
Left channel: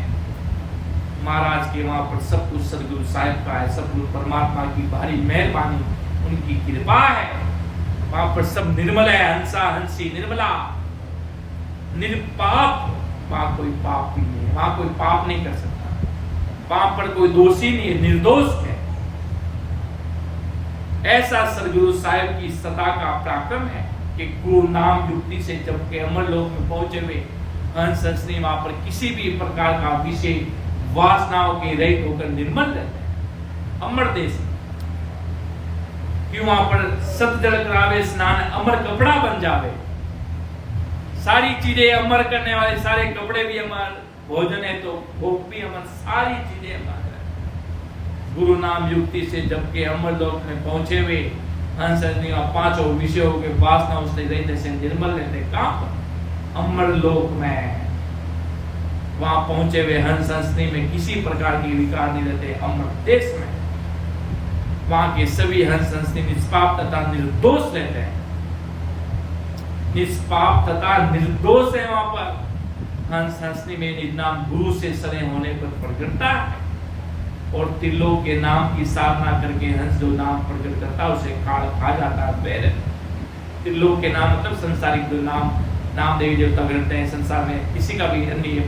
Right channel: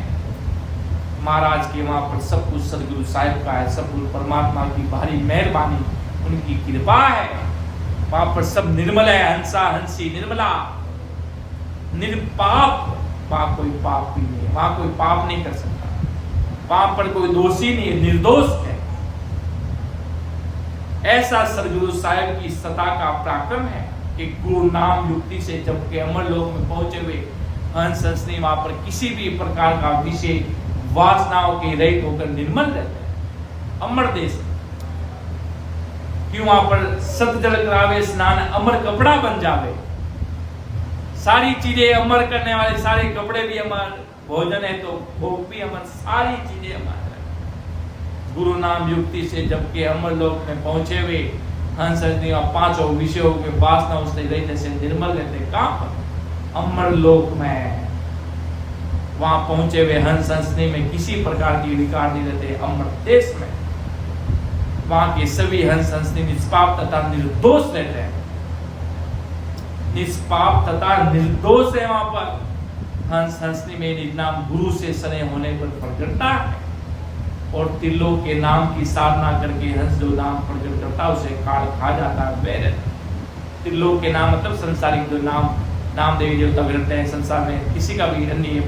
महाराज के वहां पर सब कुछ सदगुरु साहिब का है, सब कुछ परमात्मा की भारी मेहरबानी, उनकी कृपा है। वहां पर सब निर्मल है, हंसा हंसी निर्मला, निरपाप, वहां कोई पाप भी नहीं है, वहां कोई पाप नहीं कर सकता, वहां पर कोई दोषी नहीं है, निर्दोष है। ऐसा सदगुरु साहिब की सता का पराक्रम है कि गुरु नाम युक्ति से जब के अमर लोक में पहुंचे हुए हंस हंसनी वहां पर किसी भी प्रकार का विषय वासनाओं के रहित होकर निर्मल रहते हैं। अमर देश क्यों, वहां पर सत जल करावे स्नान, अमर कपड़ा बन जावे, सारी चीजें अमर करने वाले, सारे कपड़े भी अमर, भोजन है तो भोग भी अमर, सारी चीजें अमर। गुरु नाम युक्ति से जब के अमर लोक में पहुंचे हुए हंस हंसनी पांचों विषयों के वासना उसने रहते से निर्मल रहते। कहां पर? अमर लोक में। वहां पहुंचे हुए हंस हंसनी में किसी प्रकार की विकार नहीं रहते। अमर देश में वहां के सभी हंस हंसनी निष्पाप तथा निर्दोष रहते हैं, निष्पाप तथा निर्दोष है। वहां पर हंस हंसनी में निजनाम गुरु से सने होने पर प्रकटता है, और त्रिलोक के नाम की साधना करके हंस जो नाम प्रकट करता है उसे खा जाता है वैर। त्रिलोक के नाम मतलब संसारिक जो नाम देवी देवता करते हैं संसार में, किसी का भी अन्य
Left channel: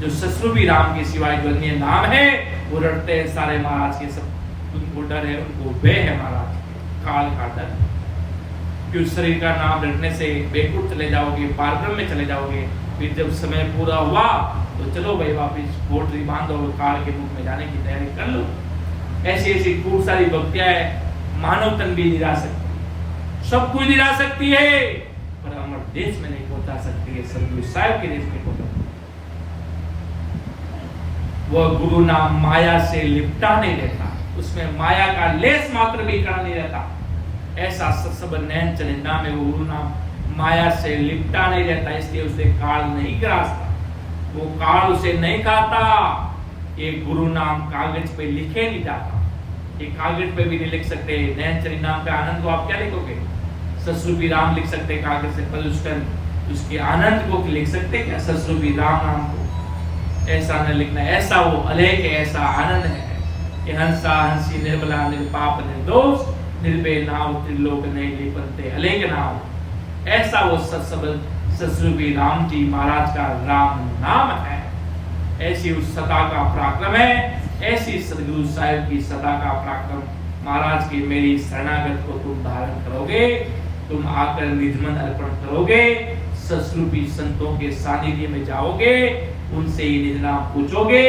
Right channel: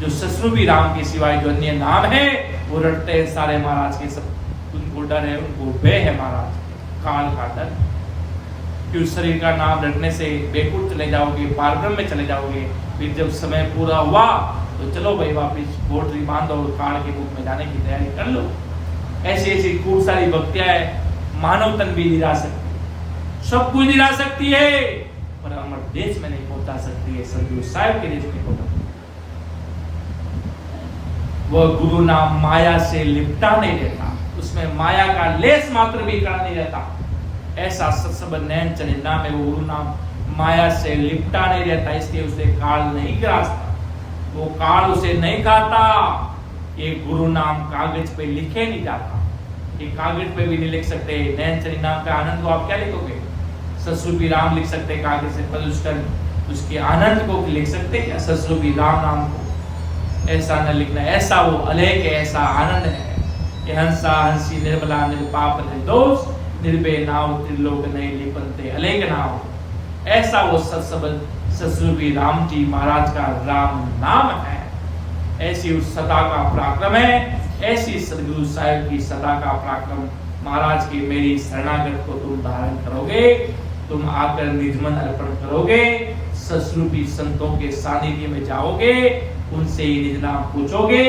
जो ससुर राम के सिवाय जो अन्य नाम है वो रटते हैं सारे महाराज के। सब उनको डर है, उनको भय है महाराज के, काल का डर। कि उस शरीर का नाम रटने से बेकुट चले जाओगे, पारक्रम में चले जाओगे, फिर जब समय पूरा हुआ तो चलो भाई वापिस पोटरी बांधो और काल के मुख में जाने की तैयारी कर लो। ऐसी ऐसी खूब सारी भक्तियां है, मानव तन भी नहीं ला सकती, सब कुछ नहीं ला सकती है, पर अमर देश में नहीं पहुंचा सकती है, सदगुरु साहिब के देश में पहुंचा। वह गुरु नाम माया से लिपटा नहीं रहता, उसमें माया का लेस मात्र भी कण नहीं रहता। ऐसा सत्संग नैन चले नाम है, वो गुरु नाम माया से लिपटा नहीं रहता, इसलिए उसे काल नहीं ग्रासता, वो काल उसे नहीं खाता। ये गुरु नाम कागज पे लिखे नहीं जाता, ये कागज पे भी नहीं लिख सकते। नैन चली नाम का आनंद को आप क्या लिखोगे? ससुरपी राम लिख सकते कागज से, पर उसके आनंद को लिख सकते क्या? ससुरपी राम नाम को ऐसा न लिखना। ऐसा वो अलेख है, ऐसा आनंद है कि हंसा हंसी निर्मला निर्पाप निर्दोष, निर्भय नाव त्रिलोक नहीं लिपनते अलेख नाव। ऐसा वो सत्सबल ससुरपी राम जी महाराज का राम नाम है। ऐसी उस सदा का पराक्रम है, ऐसी सदगुरु साहिब की सदा का पराक्रम। महाराज की मेरी शरणागत को तुम धारण करोगे, तुम आकर निजमन अर्पण करोगे, सस्वरूपी संतों के सानिध्य में जाओगे, उनसे ही निज नाम पूछोगे,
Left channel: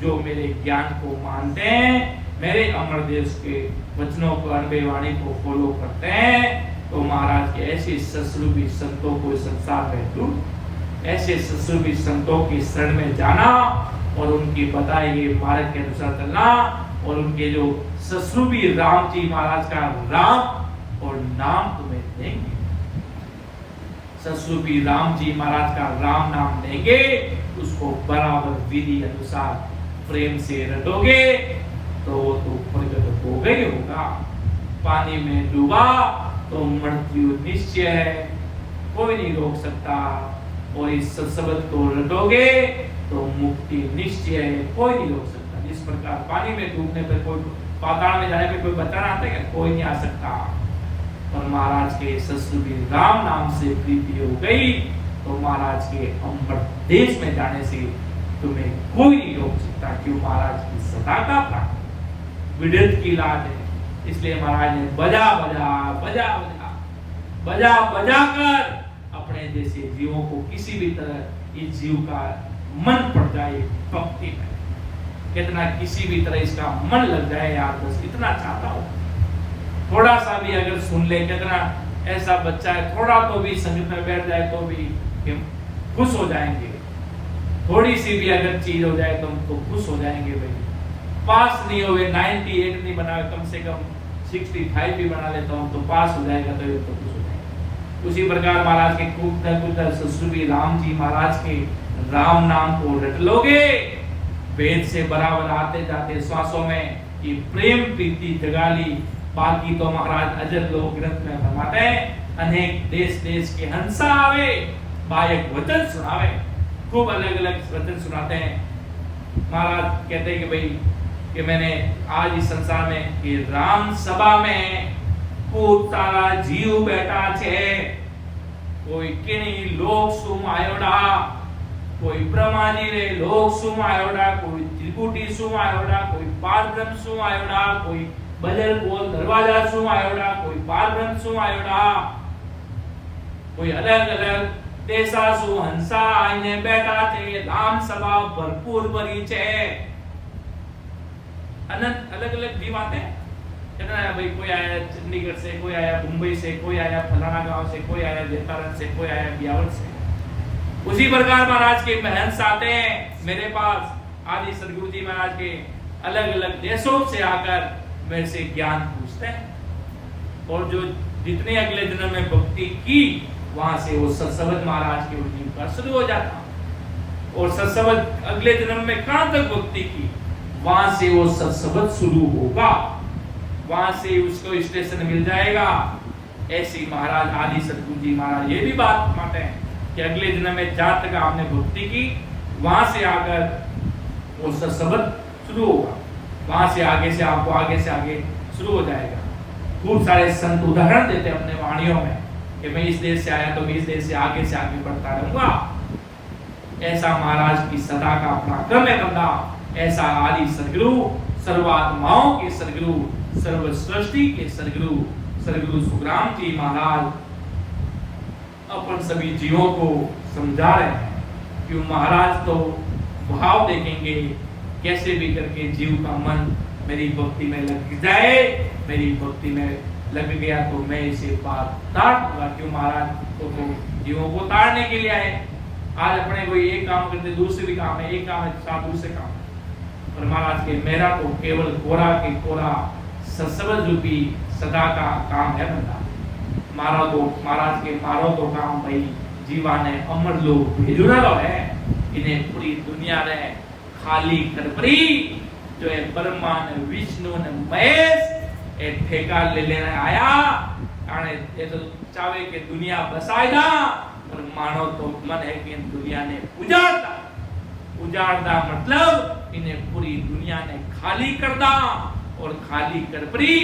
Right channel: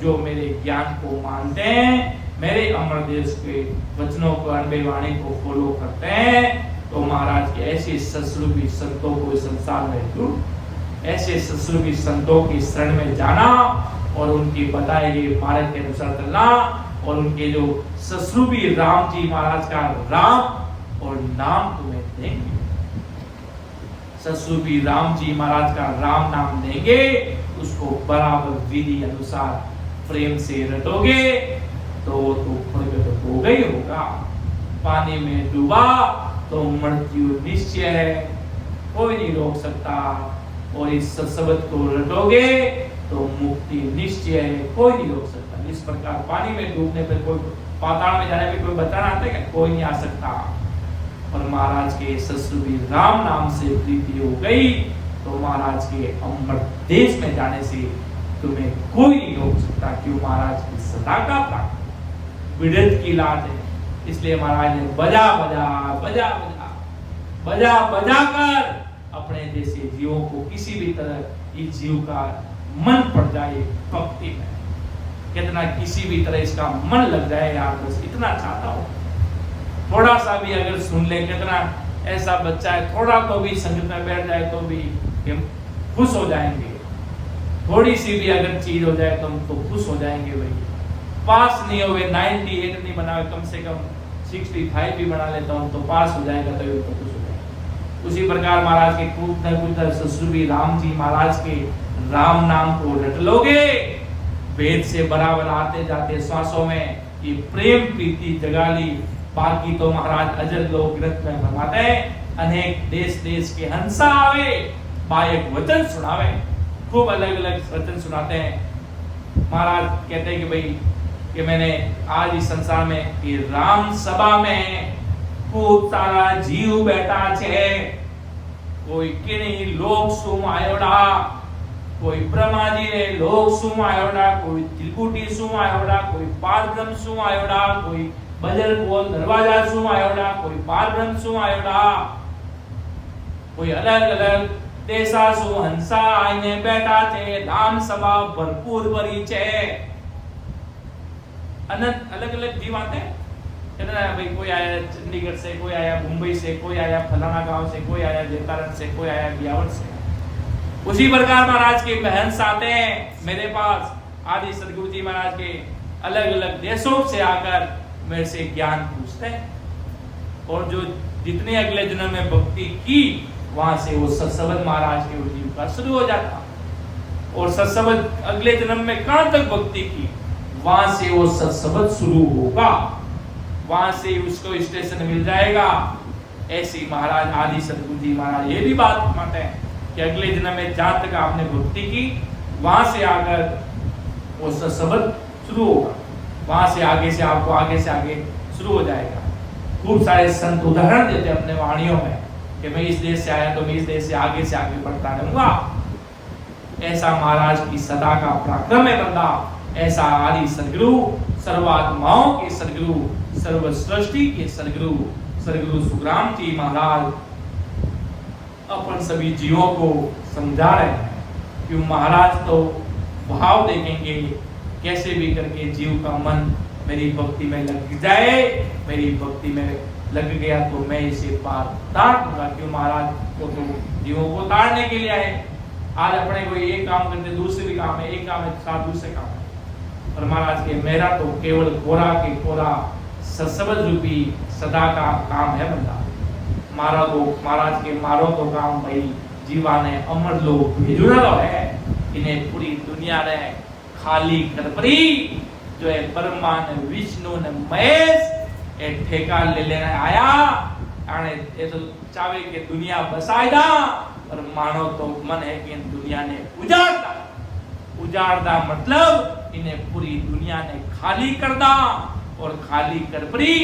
जो मेरे ज्ञान को मानते हैं, मेरे अमर देश के वचनों को, अनबे वाणी को फॉलो करते हैं, तो महाराज के ऐसे सस्वरूपी संतों को इस संसार में ढूंढ, ऐसे सस्वरूपी संतों की शरण में जाना और उनकी बताए गए मार्ग के अनुसार चलना, और उनके जो सस्वरूपी राम जी महाराज का राम और नाम तुम्हें देंगे, सस्वरूपी राम जी महाराज का राम नाम देंगे, उसको बराबर विधि अनुसार प्रेम से रटोगे तो प्रकट होगा ही होगा। पानी में डूबा तो मृत्यु निश्चय है, कोई नहीं रोक सकता, और इस शब्द को रटोगे तो मुक्ति निश्चय है, कोई नहीं रोक सकता। इस प्रकार पानी में डूबने पे कोई, पाताल में जाने पे कोई बचाना आता है क्या? कोई नहीं आ सकता। और महाराज के सस्वरूपी राम नाम से प्रीति हो गई तो महाराज के अमर देश में जाने से तुम्हें कोई नहीं रोक सकता, क्यों? महाराज की सदा का प्राप्त विरत की लाज है। इसलिए महाराज ने बजा बजा बजा बजा बजा बजा कर अपने जैसे जीवों को किसी भी तरह इस जीव का मन पड़ जाए भक्ति में, कितना किसी भी तरह इसका मन लग जाए यार, बस इतना चाहता हूं। थोड़ा सा भी अगर सुन ले, कितना ऐसा बच्चा है, थोड़ा तो भी संगत में बैठ जाए तो भी हम खुश हो जाएंगे। थोड़ी सी भी अगर चीज हो जाए तो हम तो खुश हो जाएंगे भाई। पास नहीं हुए, 98 नहीं बना, कम से कम 65 भी बना लेता हूं तो पास हो जाएगा, तो खुश हो जाएगा। उसी प्रकार महाराज के कुछ सस्वरूपी राम जी महाराज के राम नाम को रट लोगे, वेद से बराबर आते जाते श्वासों में ये प्रेम प्रीति जगा ली। बाकी तो महाराज अजर लोक ग्रंथ में फरमाते हैं, अनेक देश देश के हंसा आवे, बायक वचन सुनावे, खूब अलग अलग वचन सुनाते हैं। महाराज कहते हैं कि भाई कि मैंने आज इस संसार में कि राम सभा में खूब सारा जीव बैठा छे, कोई किनी लोक सुम आयोडा, कोई ब्रह्मा जी ने लोक सुम आयोडा, कोई त्रिकुटी सुम आयोडा, कोई पार ब्रह्म सुम आयोडा, कोई बजर गोल दरवाजा सुम आयोडा, कोई पार ब्रह्म सुम आयोडा, कोई अलग अलग देशा सु हंसा आईने बैठा थे, राम सभा भरपूर भरी छे। अनंत अलग अलग जीव आते हैं, कितना है भाई, कोई आया चंडीगढ़ से, कोई आया मुंबई से, कोई आया फलाना गांव से, कोई आया जेतारन से, कोई आया बियावर से। उसी प्रकार महाराज के महंस आते हैं मेरे पास, आदि सदगुरु जी महाराज के अलग अलग देशों से आकर मेरे से ज्ञान पूछते हैं, और जो जितने अगले जन्म में भक्ति की वहां से वो सत्सबद महाराज के उद्दीप का शुरू हो जाता, और सत्सबद अगले जन्म में कहां तक भक्ति की वहां से वो सत्सबद शुरू होगा, वहां से उसको स्टेशन मिल जाएगा। ऐसे महाराज आदि सदगुरु जी महाराज ये भी बात मानते हैं कि अगले जन्म में जहां तक आपने भक्ति की वहां से आकर वो सत्सबद शुरू होगा, वहां से आपको आगे से आगे शुरू हो जाएगा। खूब सारे संत उदाहरण देते अपने वाणियों में कि मैं इस देश से आया तो मैं इस देश से आगे बढ़ता रहूंगा। ऐसा महाराज की सदा का पराक्रम है बंदा, ऐसा आदि सदगुरु, सर्वात्माओं के सदगुरु, सर्व सृष्टि के सदगुरु सुखराम जी महाराज अपन सभी जीवों को समझा रहे हैं कि महाराज तो भाव देखेंगे, कैसे भी करके जीव का मन मेरी भक्ति में लग जाए, मेरी भक्ति में लग गया तो मैं इसे पार तार दूंगा। क्यों? महाराज को तो जीवों को तारने के लिए आए। आज अपने कोई एक काम करते दूसरे भी काम है, एक काम है साथ दूसरे काम है, पर महाराज के मेरा तो केवल कोरा के कोरा सत्सबद रूपी सदा का काम है बंदा। मारो तो महाराज के मारो तो काम भाई जीवा ने अमर लोग भेजुना है, इन्हें पूरी दुनिया ने खाली करपरी जो है ब्रह्मा ने विष्णु ने महेश ए ठेका ले लेने आया आने ये तो चावे के दुनिया बसाएगा, और मानो तो मन है कि इन दुनिया ने उजाड़दा मतलब इन्हें पूरी दुनिया ने खाली कर दा, और खाली कर परी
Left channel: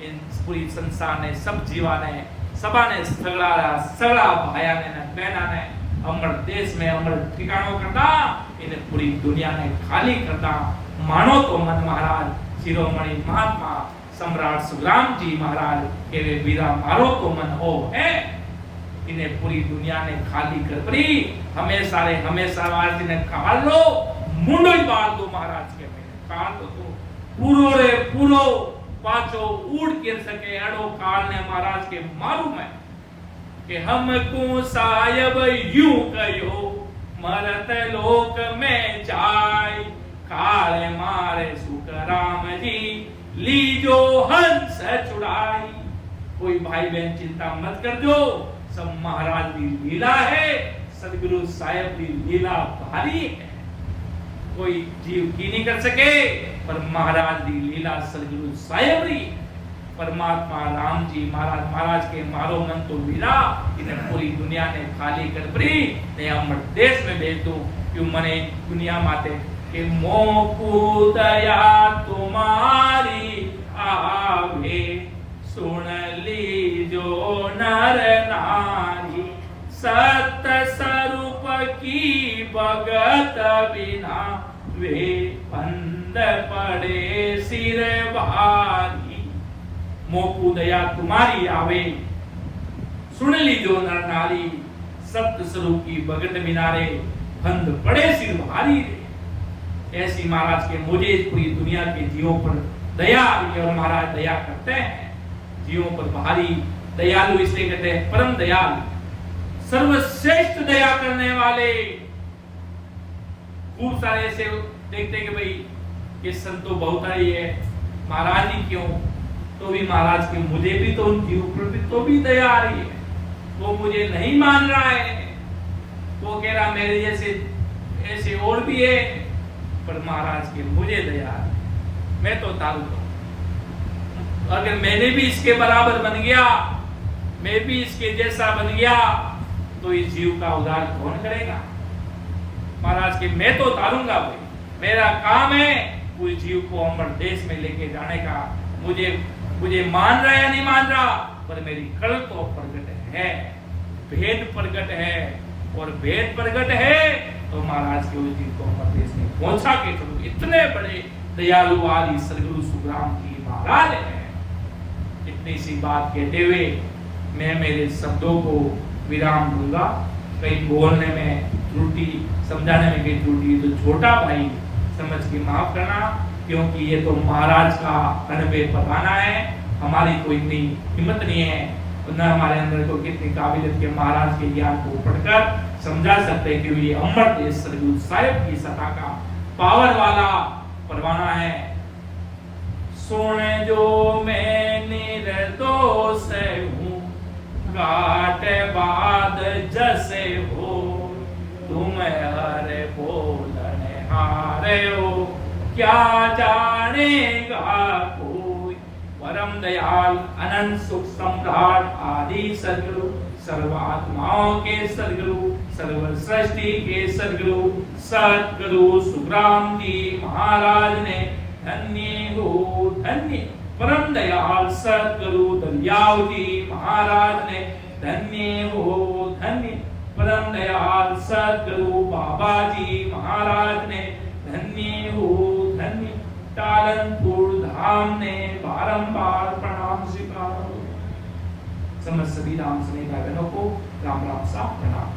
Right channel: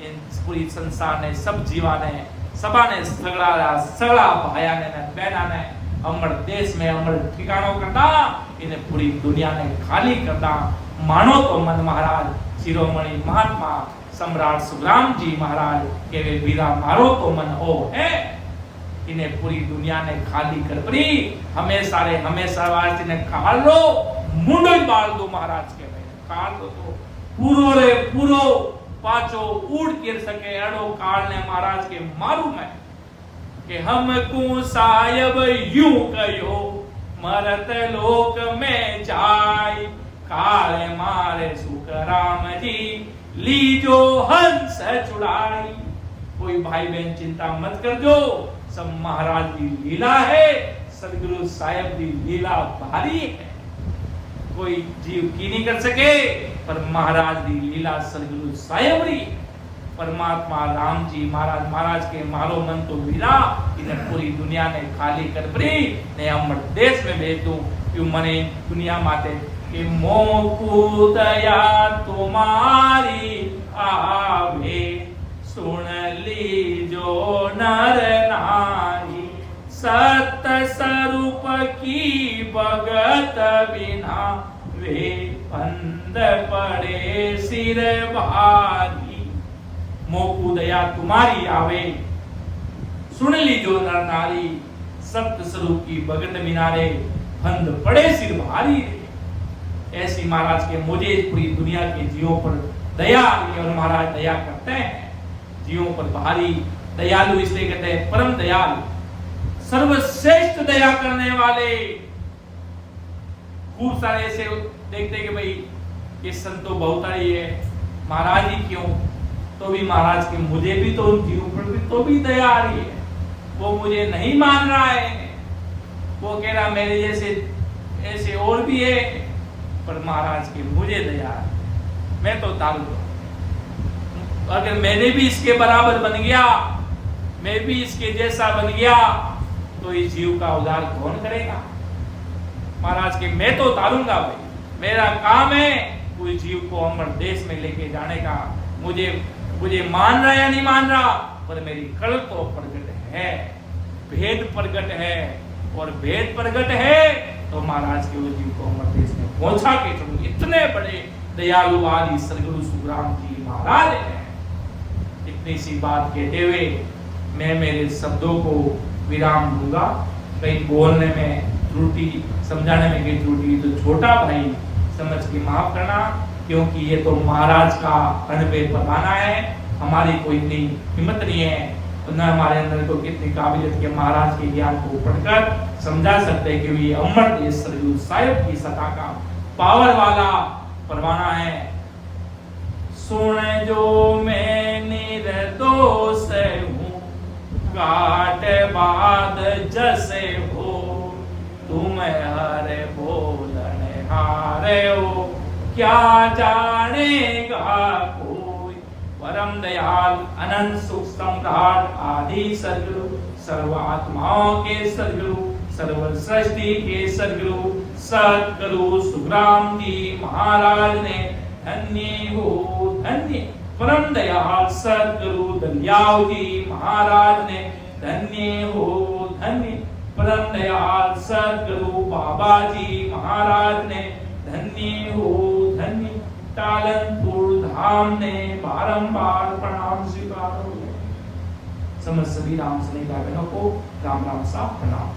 इन पूरी संसार ने सब जीवा ने सबा ने सगड़ा भाया ने बहना ने अमर देश में अमर ठिकानों करता इन्हें पूरी दुनिया ने खाली करना मानो तो मन महाराज शिरोमणि महात्मा सम्राट सुखराम जी महाराज के वे वीरा मारो तो मन हो है, इन्हें पूरी दुनिया ने खाली कर पड़ी। हमेशा वास्ते ने काल लो मुंडो ही बाल दो महाराज के भाई काल लो तो पूरो रे पूरो पाचो उड़ गिर सके अड़ो काल ने महाराज के मारू में कि हमको सायब यूं कहो मरत लोक में जाय काल मारे सुखराम जी लीजो हंस चुड़ाई। कोई भाई बहन चिंता मत कर जो, सब महाराज की लीला है, सदगुरु साहेब की लीला भारी है, कोई जीव की नहीं कर सके पर महाराज की लीला सदगुरु साहेब री परमात्मा राम जी महाराज के मारो मन तो लीला इन्हें पूरी दुनिया ने खाली कर पड़ी ने अमर देश में भेज दो क्यों मने दुनिया माते कि मोकू दया तुम्हारी आवे सुन लीजो नर नारी सत स्वरूप की भगत बिना वे बंद पड़े सिर भारी। मोकू दया तुम्हारी आवे सुन लीजो नर नारी सत्य स्वरूप की भगत मिनारे बंद पड़े सिर भारी। ऐसी महाराज के मुझे पूरी दुनिया के जीवों पर दया और महाराज दया करते हैं, जीवों पर भारी दयालु इसलिए कहते हैं परम दयालु सर्वश्रेष्ठ दया करने वाले। खूब सारे ऐसे देखते हैं कि भाई ये संत तो बहुत ही है, महाराज ही क्यों, तो भी महाराज के मुझे भी तो उनके ऊपर भी तो भी दया आ रही है। वो मुझे नहीं मान रहा है, वो कह रहा मेरे जैसे ऐसे और भी है, पर महाराज के मुझे दया आ रही है, मैं तो उतारूंगा। अगर मैंने भी इसके बराबर बन गया, मैं भी इसके जैसा बन गया, तो इस जीव का उद्धार कौन करेगा। महाराज के मैं तो उतारूंगा भाई, मेरा काम है कोई जीव को अमर देश में लेके जाने का। मुझे मान रहा या नहीं मान रहा, पर मेरी कल तो प्रगट है, भेद प्रगट है, और भेद प्रगट है तो महाराज के उस जीव को अमर देश में पहुंचा के चलूं। इतने बड़े दयालु आदि सदगुरु सुखराम जी महाराज है। इतनी सी बात कहते हुए मैं मेरे शब्दों को विराम दूंगा। कहीं बोलने में त्रुटि, समझाने में कहीं त्रुटि तो छोटा भाई समझ के माफ करना, क्योंकि ये तो महाराज का अनुभव बताना है। हमारी कोई इतनी हिम्मत नहीं है, न हमारे अंदर को कितनी काबिलियत के महाराज के ज्ञान को पढ़कर समझा सकते हैं कि ये अमर देश सदगुरु साहिब की सत्ता का पावर वाला परवाना है। सुन जो मैं निर्दोष हूँ घाट बाद जैसे हो, तुम हरे बोलने हारे हो क्या जानेगा कोई। परम दयाल अनंत सुख सम्राट आदि सदगुरु सर्व आत्माओं के सदगुरु सर्व सृष्टि के सदगुरु सुखराम जी महाराज ने धन्य हो धन्य। परम दयाल सदगुरु दलियाव जी महाराज ने धन्य हो धन्य। परम दयाल सदगुरु बाबा जी महाराज ने धन्य हो धन्य। टालनपुर धाम ने बारंबार प्रणाम स्वीकार। समस्त सभी राम सुने भाई बहनों को राम राम सा प्रणाम।